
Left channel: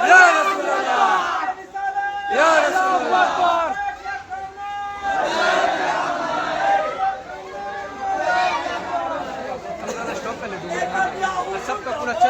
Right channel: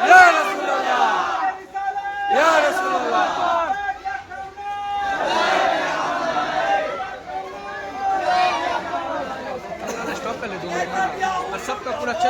یا رسول اللہ یا رسول اللہ. سب کا پورا اچھا